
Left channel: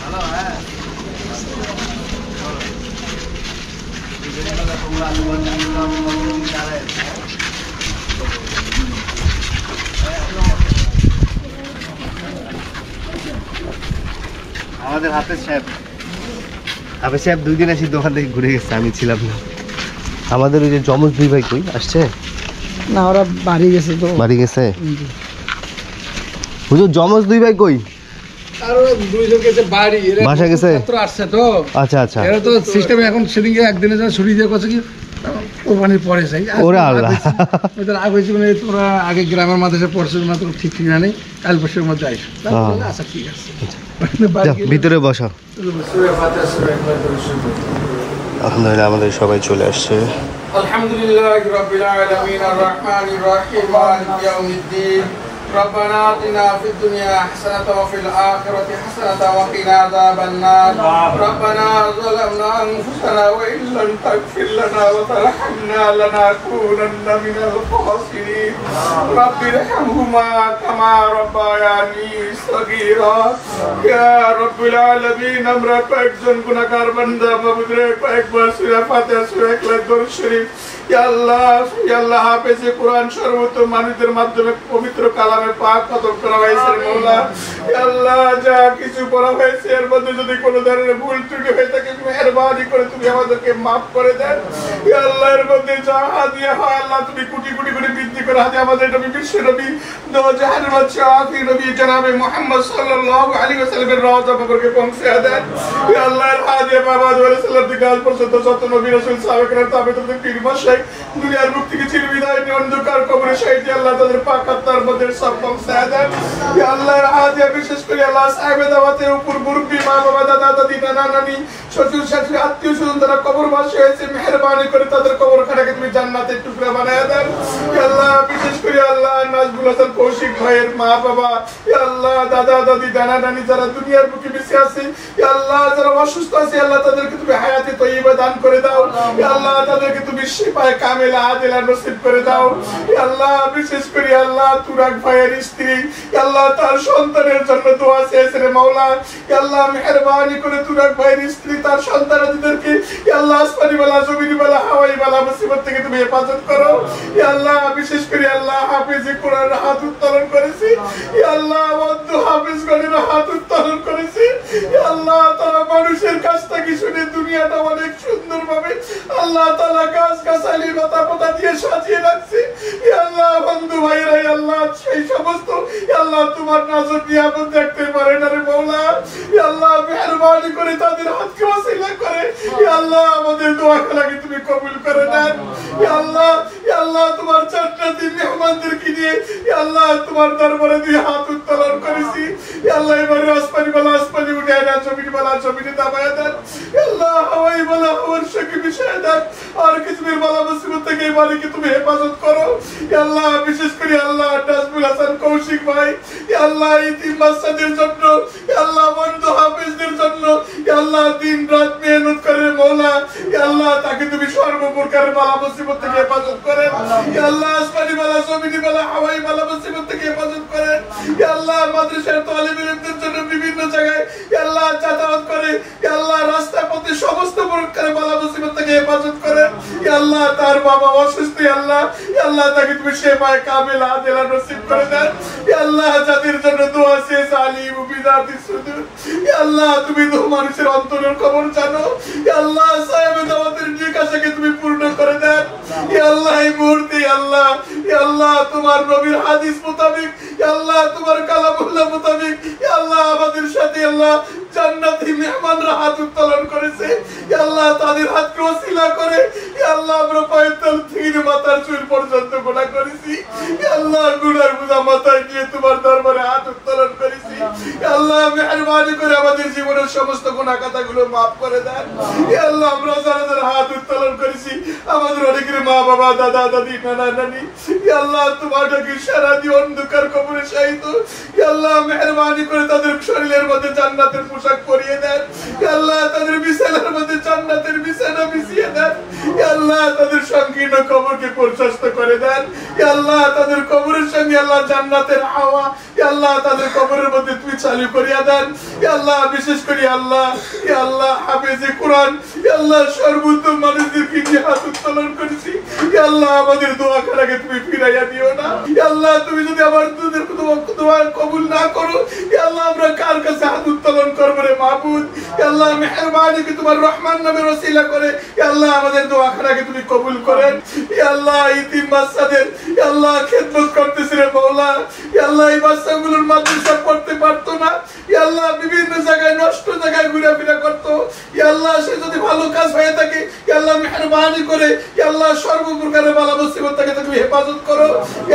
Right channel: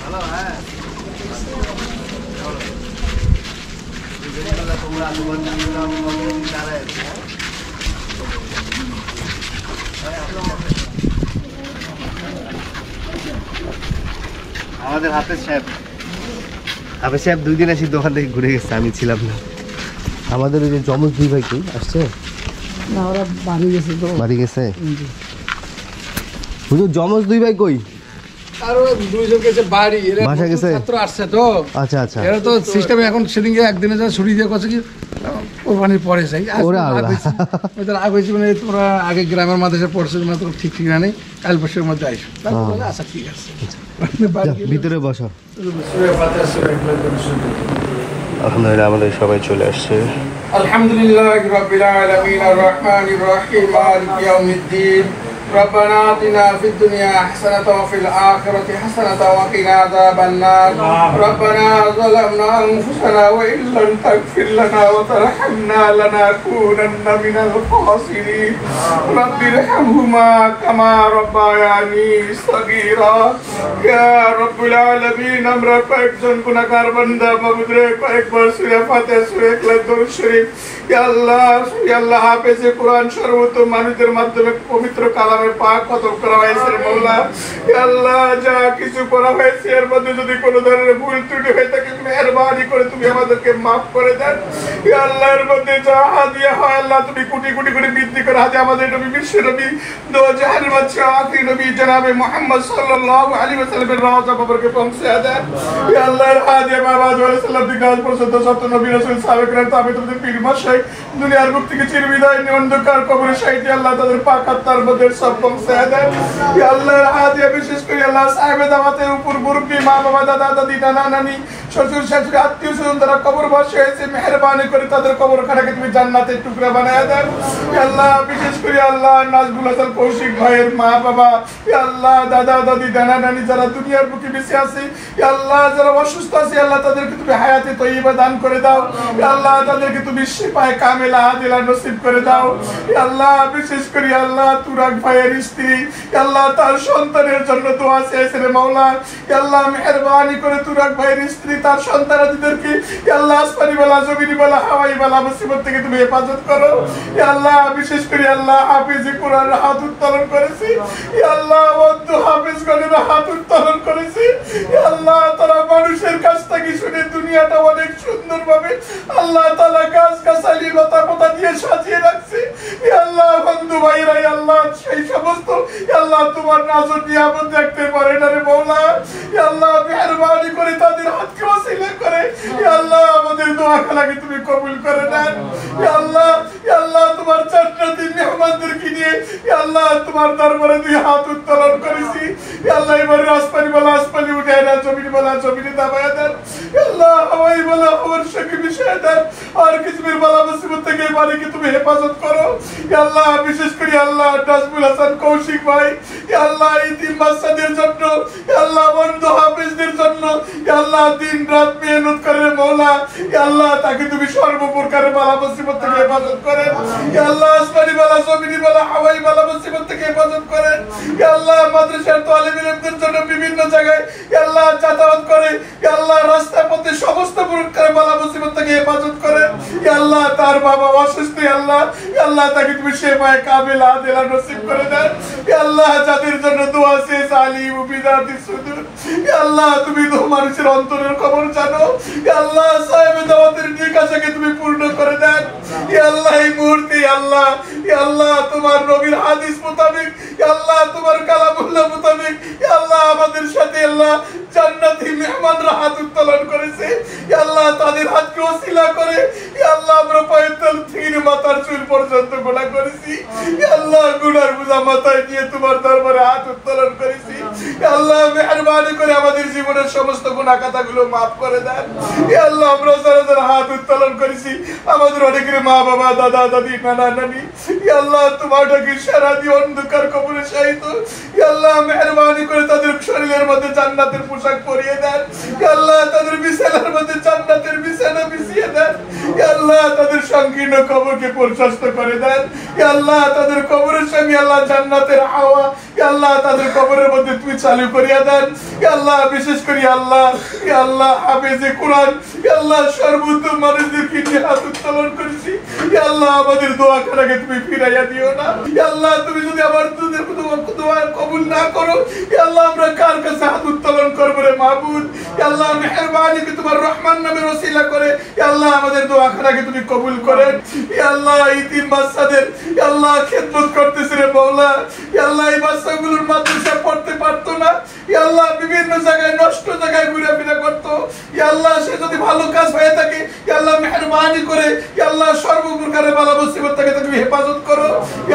ভালো? হ্যাঁ, আমাদের হাফেজ সাহেব 2 দিন আসি দোকান থেকে ঘুরে গেছে, আমি ছিলাম না। আমাদের ওই যে জমজ 2 ভাই কই আসছে না, ওরা বাড়ি গেছে তো। বাড়ি গেছে? হুজুর জমজ 2 ভাই কই? আরো দুইজন গেছে বাড়ি, এরা বাসা গেছে? ছাত্র আসছে তো। আচ্ছা আচ্ছা, এরা তো সিস্টেমে এখন সেদিনকে একদিনের জন্য ছুটি দিয়ে করছে কি কোরবানির পরে যাই। ওরা আল্লাহ। ওদের আগে হয়েছে মানে তোরা আগে গ্রামের মাদ্রাসা পড়ছে না, তোর ঠিক ঠিকানা নেই, কাল বছরের মধ্যে আইসো। আচ্ছা ঠিক আছে, ভিতরে বসো। আলহামদুলিল্লাহ আমাদের সবাই চলে আসছে। আলহামদুলিল্লাহি রাব্বিল আলামিন আর রহমানির রহিম মালিকি ইয়াউমিদ্দিন ربنا آتنا في الدنيا حسنة وفي الآخرة حسنة وقنا عذاب النار ربنا ظلمنا أنفسنا وإن لم تغفر لنا وترحمنا لنكونن من الخاسرين رب ارحمهما كما ربياني صغيرا يا رب العالمين আমরা কয়েকজন গুনাহগার বান্দা বাবুদের কয়েকবার সূরা ফাতিহা সূরা ইখলাস দরুদ শরীফ ইয়া আল্লাহ হাফেজে কোরআন সর্বতম মানুষদের মাধ্যমে পবিত্র কালামে পাক খতম করা হয়েছে মাওলা। ইয়া আল্লাহ যা কিছু করা হয়েছে এর মধ্যে যদি কোনো ধরনের ভুল ত্রুটি হয়ে থাকে মেহেরবানি করে তুমি আমাদেরকে maaf করে দেন। ইয়া আল্লাহ এর মধ্যে যা হাদিয়া হয় আল্লাহ তুমি কোটি কোটি করে বৃদ্ধি করে হাদিয়া আমাদের নবী বিশ্ব নবী দো জাহান বাদশা আখির নবী জনাবে মুহাম্মদ সাল্লাল্লাহু আলাইহি ওয়াসাল্লামের রওজা মুবারকে পৌঁছে দেন। ইয়া আল্লাহ এর হাদিয়া বাবা সাল্লাল্লাহু আলাইহি ওয়াসাল্লাম পর্যন্ত সত্য নবী রাসূল সাহাবায়ে তবে তোমাদের পীর মাশাইখ দুনিয়ার মুখ থেকে চিরবিদায় নিয়ে অন্ধকার কবরে শাহীদ আল্লাহ তাদের পাক আত্মার মধ্যে সব পৌঁছে দেন। ইয়া আল্লাহর হাদিয়া বিশেষ করে আল্লাহ সাহেবে দাওয়াতের উপর মুরব্বি মা বাবা দাদা দাদি নানা নানি শ্বশুর শাশুড়ি আত্মীয় স্বজন যারা কবরবাসী হয়েছে মেহেরবানি করে তাদের কবরখানাকে তুমি জান্নাতের টুকরা বানায় দেন। ইয়া আল্লাহ বিশেষ করে আল্লাহ নাজবুল হাসান কৌশিক ভাইয়ের মা বাবা, ইয়া আল্লাহ দাদা দাদি নানা নানি যারা দুনিয়ার বুকে বেঁচে আছে, ইয়া আল্লাহ যারা অসুস্থ আছে আল্লাহ তাদেরকে তুমি হায়াতে তয়্যিবা দান করে দাও। ইয়া আল্লাহ তাদেরকে তুমি শিফায়ে কামিলা আদিলা নসিব করে দাও। ইয়া আল্লাহ বিশেষ করে আল্লাহ তুরাক ভাইয়ের স্ত্রী, ইয়া আল্লাহ তার সন্তানের জন্য দোয়া চেয়েছেন মাওলা। ইয়া আল্লাহ মেহেরবানি করে তুরাক ভাইয়ের স্ত্রী তার সন্তানাদিদেরকে ইয়া আল্লাহ আসমানি বালা জমিনি বালা হাওয়াই বালা মুসিবত থেকে তুমি হেফাজত করো। ইয়া আল্লাহ বিশেষ করে আল্লাহ হাফেজে কোরআন হাত উত্তোলন করেছে, ইয়া আল্লাহ অন্ধ হাফেজগণের হাত উত্তোলন করেছে। ইয়া আল্লাহ তারা মানুষের কাছ থেকে শুনে দুনিয়াটা অনেক সুন্দর ভাবে আল্লাহ তাআলা গাছ গাছালি লতা পাতা দিয়ে সাজিয়ে রাখছে। ইয়া আল্লাহ বন্ধু ভাইরা ইয়া আল্লাহ সেই সমস্ত ইয়া আল্লাহ তোমার নাজর নিয়ামত দেখতে পারে না রে মাওলা। ইয়া আল্লাহ মেহেরবানি করে তাদের হাতকে ওসিলা করে ইয়া আল্লাহ আমাদের দোয়া খালাকে তুমি কবুল করে নাও। ইয়া আল্লাহ তোমার জান্নাতি মেহমানদেরকে নিয়ে ইয়া আল্লাহ তোমার দরবারে দুই হাত উত্তোলন করেছি। ইয়া আল্লাহ এবার আসমানি বালা আসমানি উঠায় না, জমিনি বালা জমিনি দাবায়া দেন। ইয়া আল্লাহ হাওয়াই বালা হাওয়ার শক্তি বিষয় দেন, আর কিসমের বালা মুসিবত থেকে মেহরবানিকে তুমি হেফাজত করো আল্লাহ। বিশেষ করে আল্লাহ নাজমুল হাসান কৌশিক ভাই আল্লাহ ইতিম বাচ্চাদের জন্য আল্লাহ বন্ধু হাফেজদের জন্য আল্লাহ দিন রাত মেহনত করে মওলা আল্লাহ তাকে তুমি সর্বপ্রকারের বালা মুসিবত থেকে হেফাজত করেন আল্লাহ। আসমানি বালা জমিনি বালা হাওয়াই বালা মুসিবত থেকে হেফাজত করেন আল্লাহ। মাদ্রাসার তালিব ইলমদের জন্য বিভিন্ন জায়গায় আল্লাহ যাতায়াত করে আল্লাহ রাস্তা পথে সমস্ত প্রকারের বালা মুসিবত থেকে হেফাজত করেন আল্লাহ। তার বাবা অসুস্থ আল্লাহ আল্লাহ তাকে তুমি সেবায়ে কামিলা আদিলা নসিব করে দেন আল্লাহ। যাদের জন্য দোয়া শেষ আলিম বিদাতি সুদূর আল্লাহ তুমি তো মানুষের অন্তরের খবর জানো আল্লাহ। সাহেবে দাওয়াতের নিকাশকে তুমি পূর্ণ করে দেন আল্লাহ। এই মুহূর্তে আল্লাহ আল্লাহ তোমার নবীর হাদিস মোতাবেক আল্লাহ তোমার কালামুল্লাহ মোতাবেক আল্লাহ আমাদের সাথে আল্লাহ জান্নাতি মেহমানরা হাত উত্তোলন করেছে আল্লাহ। তাদের হাতকে ওসিলা করে আল্লাহ আমরা পায়ের তল থেকে মাথার চুল পর্যন্ত গোনা করেছি আল্লাহ। গুনার বোঝা মাথায় নিয়ে তোমার দরবারে হাত উত্তোলন করেছি আল্লাহ। মেহরবানি করে আমাদের জীবনের সমস্ত গুনাহ খাতাগুলো মাফ করে দেন আল্লাহ। আমরা যারা যারা হাত উত্তোলন করেছি আমাদের অনেকের মা বাবা দাদা দাদি নানা নানি আল্লাহ তোমার ডাকে সারা দিয়ে অন্ধকার কবরে শায়িত আল্লাহ। মেহরবানি করে তাদের শরীরের মধ্যে জান্নাতের পোশাক পরিয়ে দেন আল্লাহ। তাদের বিছানার মধ্যে জান্নাতের বিছানা বিছিয়ে দেন আল্লাহ। তাদের সংকীর্ণ কবরকে প্রশস্ত করে দেন আল্লাহ। তাদের কবরের সঙ্গে আল্লাহ জান্নাতের হাওয়া আল্লাহ তাদের কবরের মধ্যে তুমি চালু করিয়া দেন আল্লাহ। বিশেষ করে আল্লাহ আল্লাহ হাফেজে কোরআন আল্লাহ সর্বোত্তম মানুষদেরকে নিয়ে হাত উত্তোলন করেছি আল্লাহ। আমাদের দোয়া করাকে তুমি ফিরাইয়া দিও না আল্লাহ। তুমি যদি আমার তোমার কবুল না করো আল্লাহ আমরা কার কাছে হাত উত্তোলন করবো রে মাহবুদ আল্লাহ। মেহরবানি কি তোমার রহমান নামের ওসিলা করে আল্লাহ আমাদের দোয়া করাকে তুমি কবুল করেন আল্লাহ। ইতিম বাচ্চাদের আল্লাহ খেদমত করতেছে রে মওলা আল্লাহ। এই বাচ্চাগুলোর মাদ্রাসা পড়তে পারতো না আল্লাহ। বিভিন্ন জায়গায় নষ্ট জায়গায় ঘুরাফেরা করতো আল্লাহ। সে যদি ভালো কাজ হয়ে থাকে আল্লাহ মেহরবানি করে আল্লাহ সর্বপ্রকারের বালা মুসিবত থেকে তুমি হেফাজত করো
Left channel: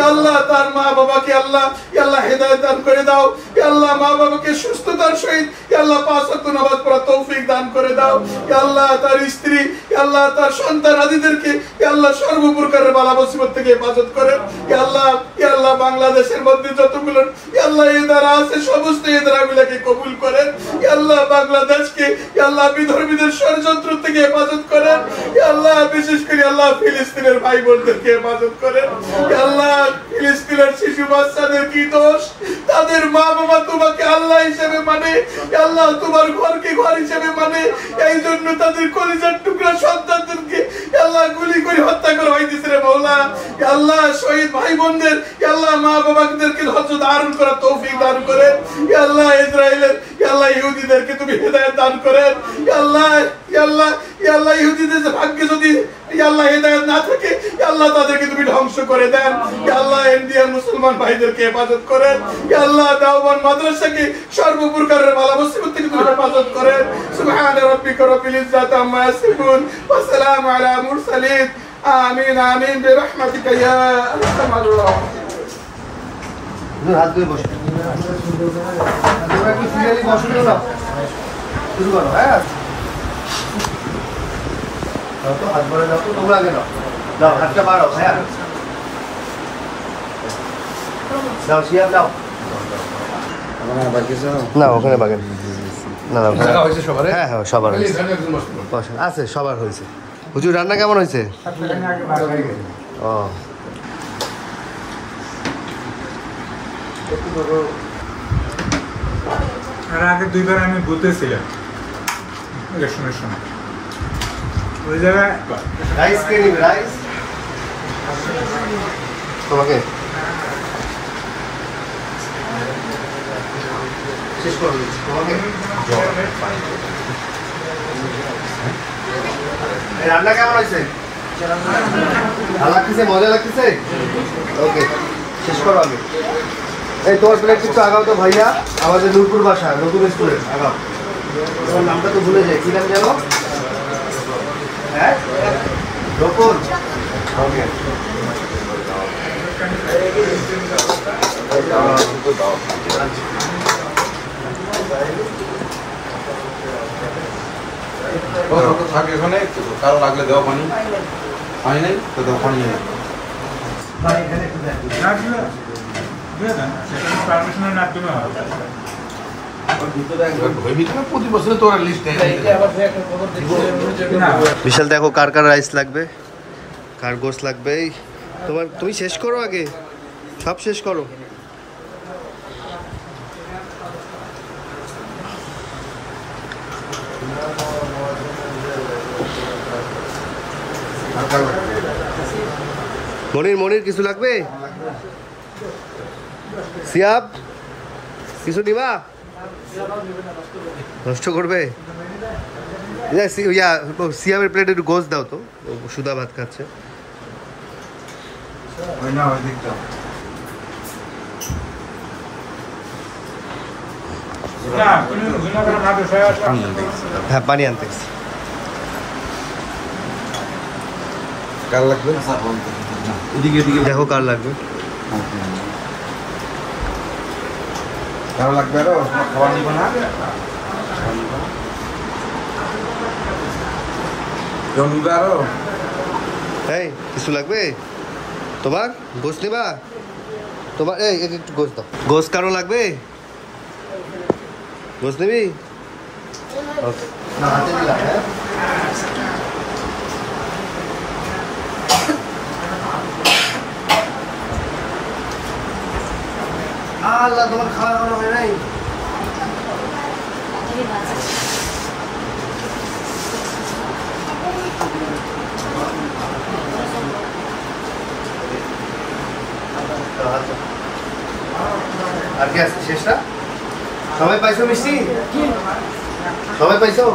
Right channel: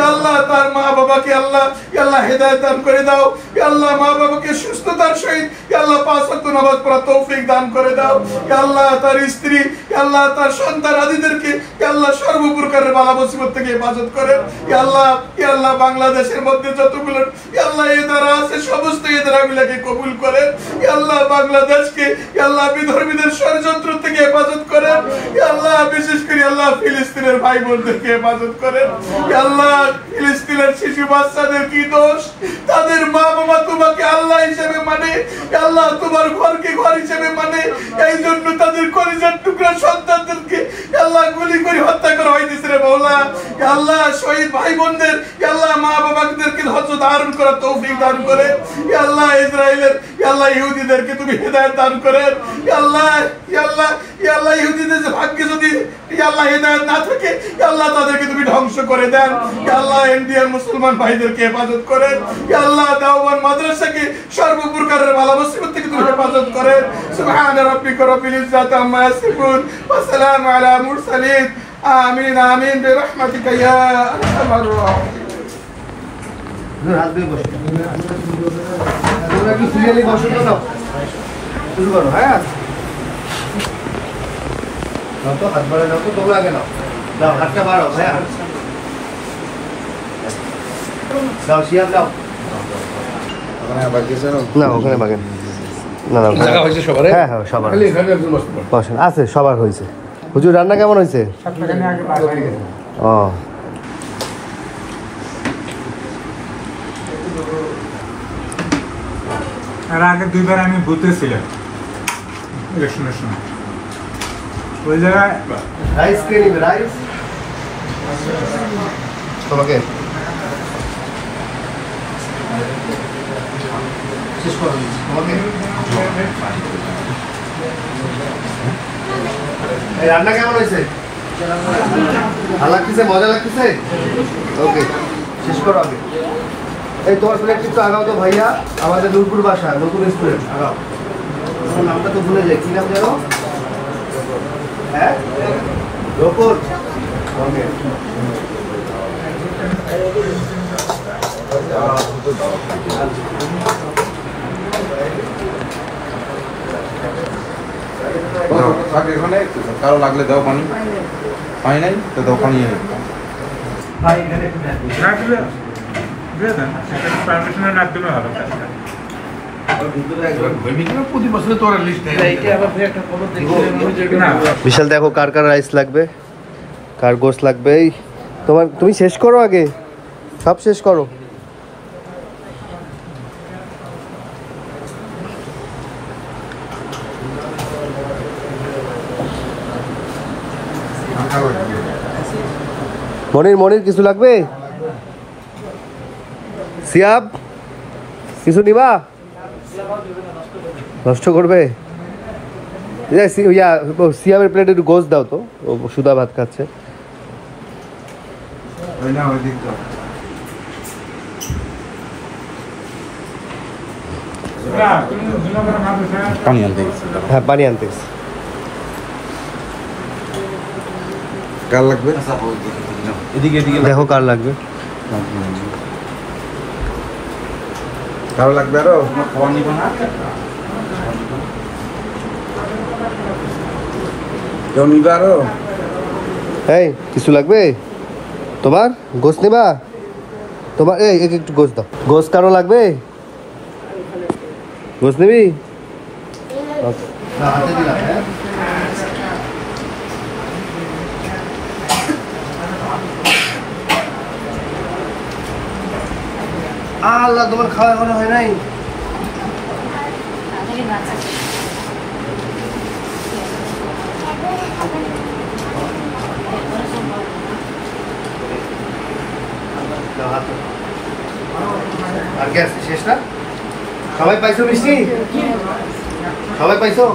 আল্লাহ। তার মা বাবাকে আল্লাহ আল্লাহ হেদায়েত দান করে দাও আল্লাহ। মা বাবাকে সুস্থতার সহিত আল্লাহ 5 ওয়াক্ত নামাজ পড়ার তৌফিক দান করে দাও আল্লাহ। তার স্ত্রী আল্লাহ তার সন্তান আদিদেরকে আল্লাহ সর্বপ্রকারের বালা মুসিবত থেকে হেফাজত করেন আল্লাহ। আল্লাহ বাংলাদেশের মধ্যে যতগুলো আল্লাহ ইদারা আছে সমস্ত ইদারাগুলোকে কবুল করেন আল্লাহ। বাংলাদেশকে আল্লাহ বিধর্মীদের ষড়যন্ত্র থেকে হেফাজত করেন আল্লাহ। বিশেষ করে আল্লাহ ফিলিস্তিনের ভাই বোনদেরকে হেফাজত করেন আল্লাহ। ফিলিস্তিনের শিশু বাচ্চাদের কি দোষ? তাদের মা বাবা তোমাকে আল্লাহ হিসেবে মানে আল্লাহ। তোমার ঘরকে ঘর হিসেবে মানে এই জন্য তাদের কলিজার টুকরা সন্তানদেরকে আল্লাহ গুলি করে হত্যা করা হইতেছে রে মওলা আল্লাহ। শহীদ ভাই বোনদের আল্লাহ মা বাবাদেরকে ধৈর্য ধারণ করার তৌফিক দান করেন আল্লাহ। ইসরায়েলের আল্লাহ ইহুদিদেরকে তুমি হেদায়েত দান করেন আল্লাহ আল্লাহ আল্লাহ। ইহুদিদের ভাগ্যে যদি আল্লাহ হেদায়েত না থাকে আল্লাহ তাদেরকে তুমি ধ্বংস করে দেন আল্লাহ। ইন্ডিয়ার মুসলমান ভাইদেরকে হেফাজত করেন আল্লাহ। দাওয়ান মাদ্রাসাকে সর্বপ্রকারের বালা মুসিবত থেকে তুমি হেফাজত করেন। সুবহান রাব্বিকা রাব্বিল ইজ্জাতি আম্মা ইয়াসিফুন ওয়া সালামু আলা মুরসালিন আমিন আমিন বিরহমাতিকা ইয়া আরহামার রাহিমিন। হাত দিয়ে বসো তোমরা কি সিরিয়ালি বসো না সব শুরু করো হ্যাঁ। তো হাত বাড়া দাও তো তোমরা আগে নাও দাও হাতটা বাড়াও হ্যাঁ দাও শিয়ার দাও না ওখানে বাগেন না না হ্যাঁ হ্যাঁ সবার আছে সবার হয়েছে। হুজুর রান্না কেমন হয়েছে? ও আর আগে দুইবার আমি বুঝতেছিলাম ওই জায়গায় রাইস কে নিবে রাইস তোমাকে শেষ করো তোমাকে রান্না কেমন হয়েছে? ভালো লাগতেছে মজা লাগতেছে ওকে শেষ করো আগে। এই তোমার প্লেট কিছু আগাও তো ভাইয়া আমাদের নূরপুর বাসা নতুন স্টুডেন্ট আগাও। তোমার নামটা তো ভুলে যাই কি নাম জানো? হ্যাঁ রোপন ওকে কারো লাগলে দেওয়া পানি পানি নাই তো দেওয়া পানি নেই প্রতি বছরে তো লিস্ট নেই। বিশাল দেখো কার কার রাইস লাগবে, কার গোস লাগবে। এই তোমার, তুমি শেষ করো আগে, সব শেষ করো। মনির, মনির কিছু লাগবে? সিয়াব কিছু নিবা? নষ্ট করবে? সিয়াবের প্লেটে একটু গোস দাও তো, ও সুদা ভাত খাচ্ছে। হ্যাঁ পানি আনতে গেছি। কার লাগবে? এদিকে এদিকে দেখো কার লাগবে। কারো লাগবে আরো? খাবার নিব না? কেউ নিবে আরো? এই কিছু লাগবে তোমার? গোস নেবা তোমার? এই একটু গোস দাও। গোস কারো লাগবে? গোস নিবি? ওকে। আল্লাহ, তোমার খাওয়া এখনো হয় নাই? আর কি আছে? শেষ না? সবাই পাইছো মিষ্টি? সবাই পাইছো?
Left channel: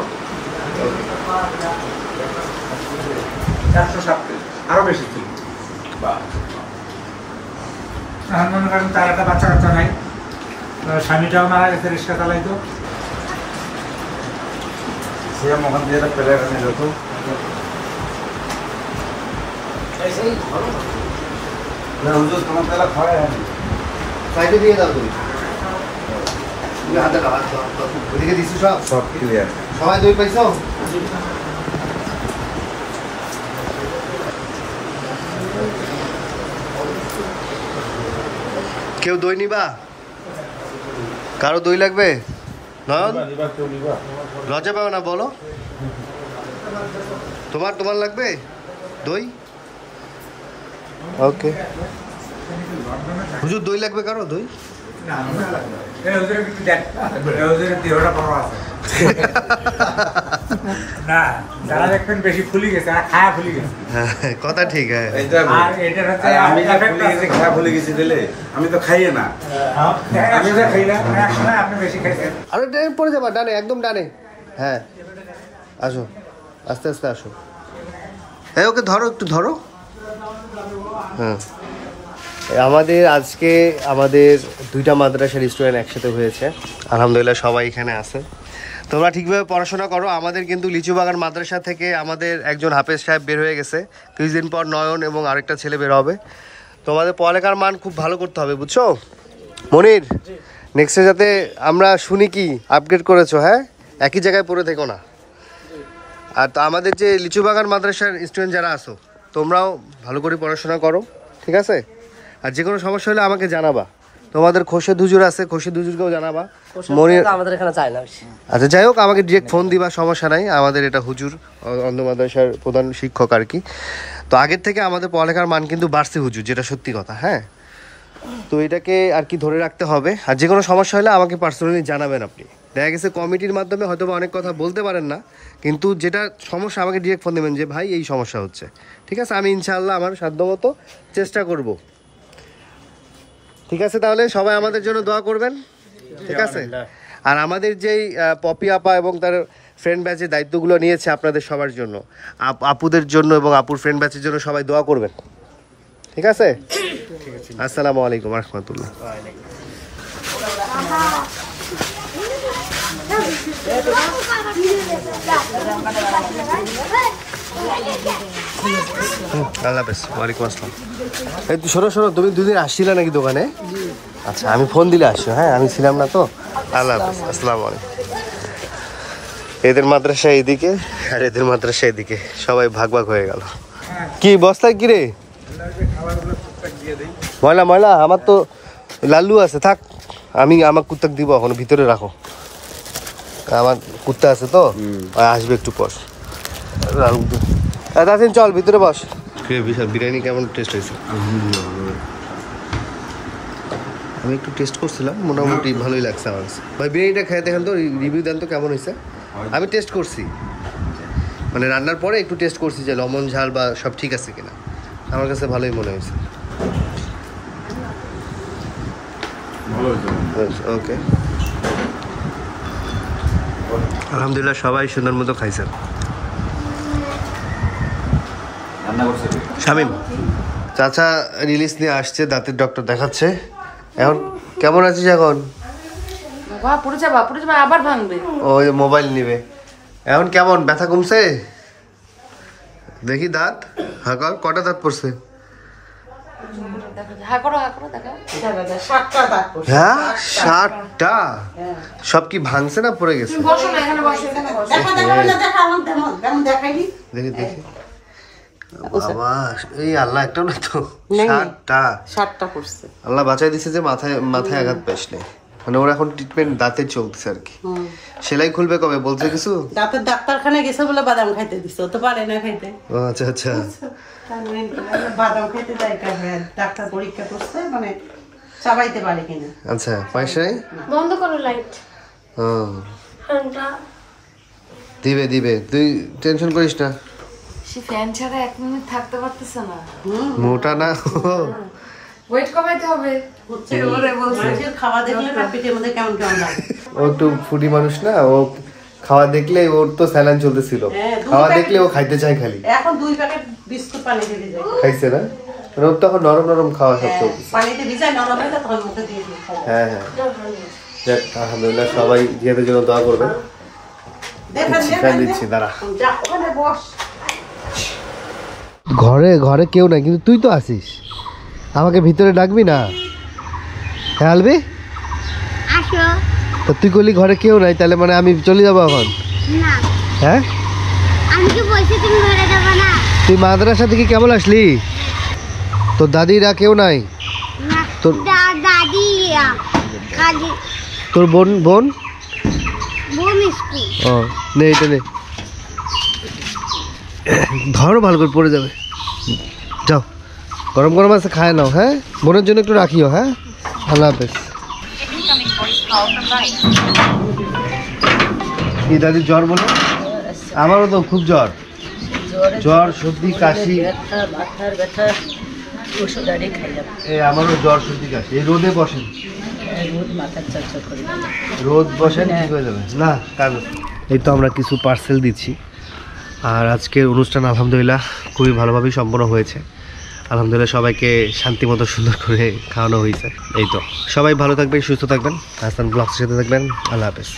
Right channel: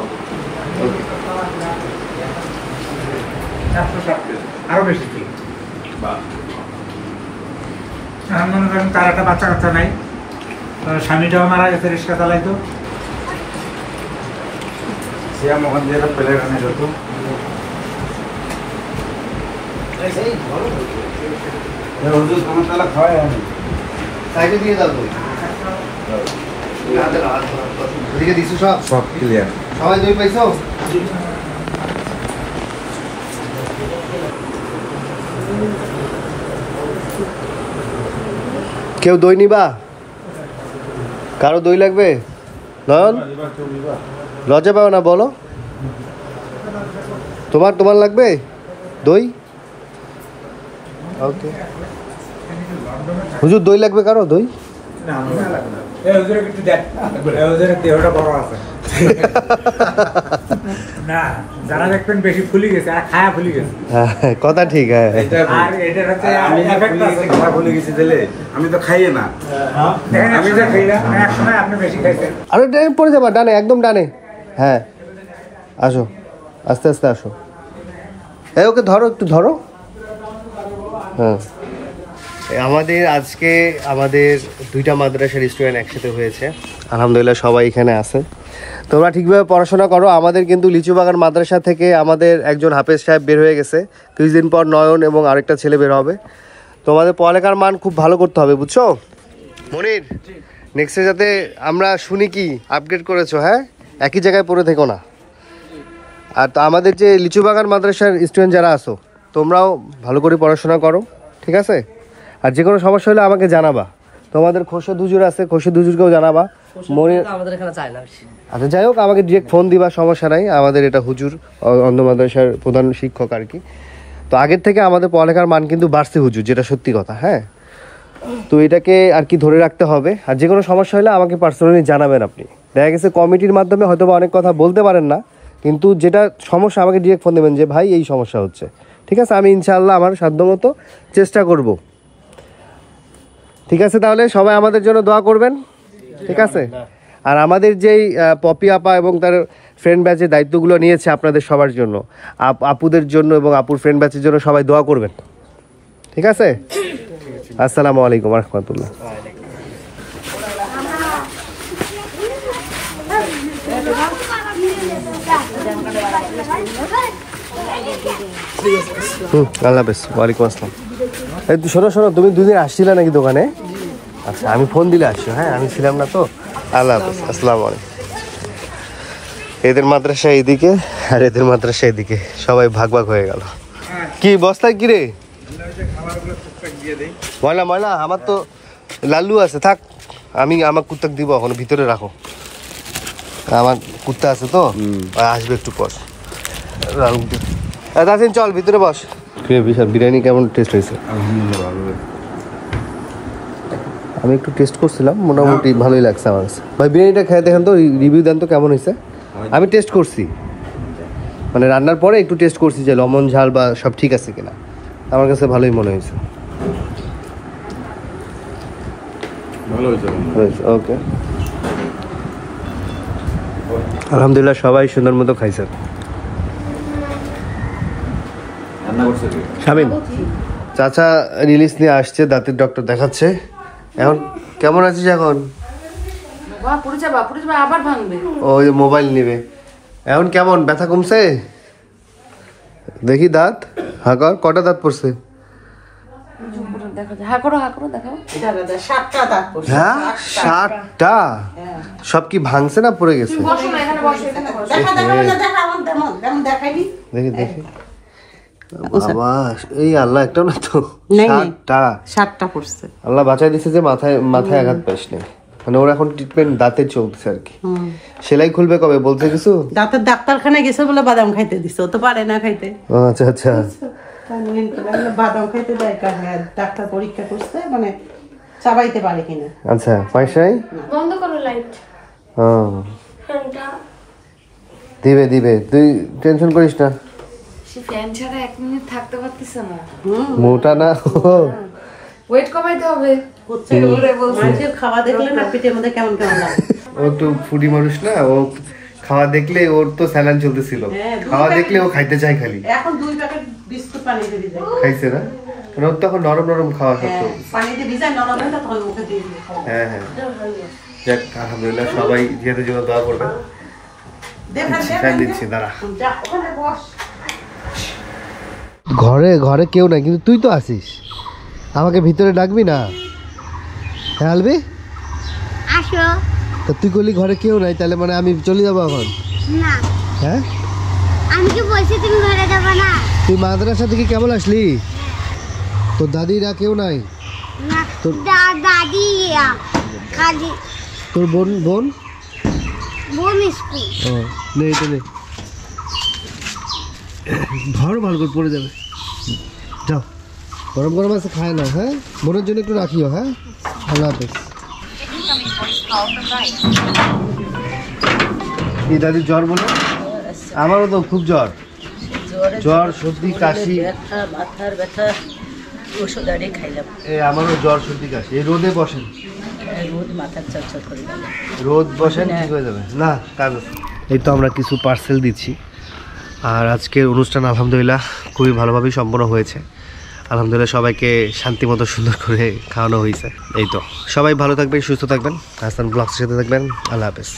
আরো বেশি মনে করেন তার একটা বাচ্চা কাচ্চা নাই, স্বামীটাও মারা গেছে, রিক্সা চালাইতো। সিয়াম ওখান দিয়ে প্লেট আনি যত সাইডে দিয়ে দাও তুমি। এদিকে দিছো সব? সব ক্লিয়ার। সবাই দই পাইছো? কেউ দই নিবা? কারো দই লাগবে? নয়ন লজ্জা পাও না, বলো। তোমার তোমার লাগবে দই? ওকে। হুজুর দই লাগবে কারো? দই না, যারা দেখবেন বেশি ফুলি গেছে আর খায়া ফুলি গেছে। কথা ঠিক। হ্যাঁ, আর এটার হচ্ছে ভুলে গেছি দিলে আমি তো খাইয়ে না, আমি যা খাই না, এক সময় আপনি বেশি খাইছেন। আরো ডানে পড়ে যাবা, ডানে, একদম ডানে। হ্যাঁ আসো, আস্তে আস্তে আসো। এই ওকে ধরো, একটু ধরো। হ্যাঁ, আমাদের আজকে আমাদের দুইটা মাদ্রাসার স্টুডেন্ট একসাথে হয়েছে, আলহামদুলিল্লাহ সবাই এখানে আছেন। তোমরা ঠিকভাবে পড়াশোনা করো। আমাদের কিন্তু লিচুবাগান মাদ্রাসা থেকে আমাদের একজন হাফেজ সাহেব বের হয়ে গেছে, কিছুদিন পর নয়ন এবং আরেকটা ছেলে বের হবে। তোমাদের পড়ালেখার মান খুব ভালো করতে হবে, বুঝছো মনির? নেক্সটে যাতে আমরা শুনি কি আপগ্রেড করেছো। হ্যাঁ, একই জায়গায় পড়ে থেকো না। আর তো আমাদের যে লিচুবাগান মাদ্রাসার স্টুডেন্ট যারা আছো, তোমরাও ভালো করে পড়াশোনা করো, ঠিক আছে? আর যে কোনো সমস্যা হলে আমাকে জানাবা। তোমাদের খোরশেদ হুজুর আছে, খোরশেদ হুজুরকেও জানাবা। মনির আমাদের এখানে চাই না। আচ্ছা যাই হোক, আমাকে ডিরেক্ট ফোন দিবা, সমস্যা নাই। আমাদের এটা হুজুর অন্ধ মাদ্রাসার প্রধান শিক্ষক আর কি। তো আগের থেকে আমাদের পড়ালেখার মান কিন্তু বাড়ছে হুজুর, যেটা সত্যি কথা। হ্যাঁ, তো এটাকে আর কি ধরে রাখতে হবে। আর যে কোনো সমস্যা হলে আমাকে পার্সোনালি জানাবেন আপনি। দেখা গেছে কমিটির মাধ্যমে হয়তো বা অনেক কথা বলতে পারেন না, কিন্তু যেটা সমস্যা আমাকে ডিরেক্ট ফোন দেবেন যে ভাই এই সমস্যা হচ্ছে, ঠিক আছে? আমি ইনশাআল্লাহ আমার সাধ্যমতো চেষ্টা করব, ঠিক আছে? তাহলে সবাই আমাদের জন্য দোয়া করবেন, ঠিক আছে? আর আমাদের যেই পপি আপা এবং তার ফ্রেন্ড ব্যাচের দায়িত্বগুলো নিয়েছে আপনাদের সবার জন্য, আপুদের জন্য এবং আপুর ফ্রেন্ড ব্যাচের জন্য সবাই দোয়া করবেন, ঠিক আছে? আসসালামু আলাইকুম রহমতুল্লাহ। আল্লাহ হাফেজ। ওয়ালাইকুম আসসালাম। এই শোনো শোনো, তুমি দুদিন আসছিলে নাকি দোকানে? আচ্ছা, আমি ফোন দিলে আসছো। হ্যাঁ, আমি ছিলাম না তো। আল্লাহ হাফেজ, আসসালামু আলাইকুম। এদের মাদ্রাসা এইদিকে, আর এদের মাদ্রাসা এদিকে, সবাই ভাগ ভাগ হয়ে গেল। কি বস্তায় কি রে? ময়লা ময়লা আমার তো লাল্লু আছে, থাক আমি আমার কুত্তাক দিব, এখন ভিতরে রাখো, আমার কুত্তা আছে তো, আসবে একটু পর। দাদিন চল ভিতরে বস। বিরিয়ানি কেমন টেস্ট হয়েছে? আমি একটু টেস্ট করছিলাম, মোটামুটি ভালোই লাগছে আমার কাছে। ভাই বিরিয়ানিটা খেয়ে দেখেন তো, রিভিউ দেন তো কেমন হয়েছে। আমি টেস্ট করছি, মানে রান্নার পরে একটু টেস্ট করছি যে লবণ ঝাল বা সব ঠিক আছে কিনা, আমার কাছে ভালোই মনে হয়েছে। ওকে, আলহামদুলিল্লাহ সবাই সুন্দর মতো খাইছেন। শামিম চাচা রিলিজ নিয়ে আসছে, দাঁতের ডক্টর দেখাচ্ছে। এখন কেমন আছিস এখন? ওই মোবাইল নিবে এখন। কেমন ব্যথা কমছে? দেখি দাঁত হাঁকর, কটা দাঁত পড়ছে? হ্যাঁ 60টা। সব কি ভাঙছে না পড়ে গেছে? দেখি দেখি বাবা, এই আল্লাহ একটা না তো 60টা পড়ছে। আল্লাহ বাঁচাই দিছে যে মাথায় মাথায় আঘাত পাইস না। মানে ওর এখন ট্রিটমেন্ট দাঁতের চলতেছে আর কি। সেলাই খুলবে কবে বলছে কিছু? দাঁতের ডাক্তারখানায় গেছে বলে বাদাম খাইতে দিছে, ও তো পারে না খাইতে। আচ্ছা আচ্ছা, বাদাম খাইতে দেয়, ডাক্তার পরীক্ষা করছে, মানে চাবাইতে পারে কিনা। আচ্ছা পয়সাই বন্ধ করো লাইট। দিবে দিবে, তুই টেনশন করিস না। সে ফ্যান ছাড়া 1 মিনিট থাকতে পারতেছে না। মোটা না, ওয়েট কমাইতে হবে। খাওয়া দেখলে না পেটের মধ্যে কেমন কেমন লাগে। ও একটু ফুডি মানুষ না, ও খাওয়া দেখলে ওর তো স্যালাইন চলতেছিল, খাওয়া দেখলে ও খাইতে চায় খালি। এখন 2 প্যাকেট বিস্কুট পানি দিয়ে দিই, খাইছে না, মানে ওর তখন নরম নরম খাওয়া সব চলতেছে। পানিতে ভিজাই নরম হলে তখন মুখে দিয়ে দিই। হ্যাঁ হ্যাঁ, যাক আলহামদুলিল্লাহ সবাই জিয়াদের জন্য দোয়া করবেন। দিচ্ছি দাঁড়া। ঘরে ঘরে কেউ নাই, কিন্তু তুই তো আসিস, আমাকে ভিতরে ডাকবি না? হ্যাঁ আলবি আসো। তো তুই করলি ঘরে কেউ নাই, তাহলে মানে আমি চলে যাবো এখন? না। হ্যাঁ আমি কি বলছি তুমি ঘরে যাবে না? তুই মাদ্রাসা থেকে কেমন আসলি? তোর দাদিরা কেউ নাই? না, দাদি খালি তোর বোন বোন বোন স্কুল। ও নে এটা নে, ধরো ভালো করে পড়ে যাবে। যাও গরম গরম আছে খায় নাও। হ্যাঁ বোনের জন্য একটু রাখিও। হ্যাঁ আল্লাহ হাফেজ। কি দাদি জ্বর বলে? আমারও তো খুব জ্বর, জ্বর সর্দি কাশি, মাথার ব্যথা, ওষুধ আরে খাইলাম। আমারও জ্বর সর্দি কাশি। এই রোদে বসেন, রোদ মাথার চরচর করে, রোদ বসেন ঠিক হয়ে যাবে না। কারণ এই তো আমরা কিছু পার্সেল দিচ্ছি। আর আজকের অনুষ্ঠান আলহামদুলিল্লাহ খুবই ভালোভাবেই সম্পন্ন হয়েছে। আলহামদুলিল্লাহ সবাইকে শান্তি মতো সুন্দর করে খাওয়ানো হয়েছে। এই তো সবাই ভালো থাকবেন, সুস্থ থাকবেন, হাসান ব্লগসের সাথে থাকবেন। আল্লাহ হাফেজ।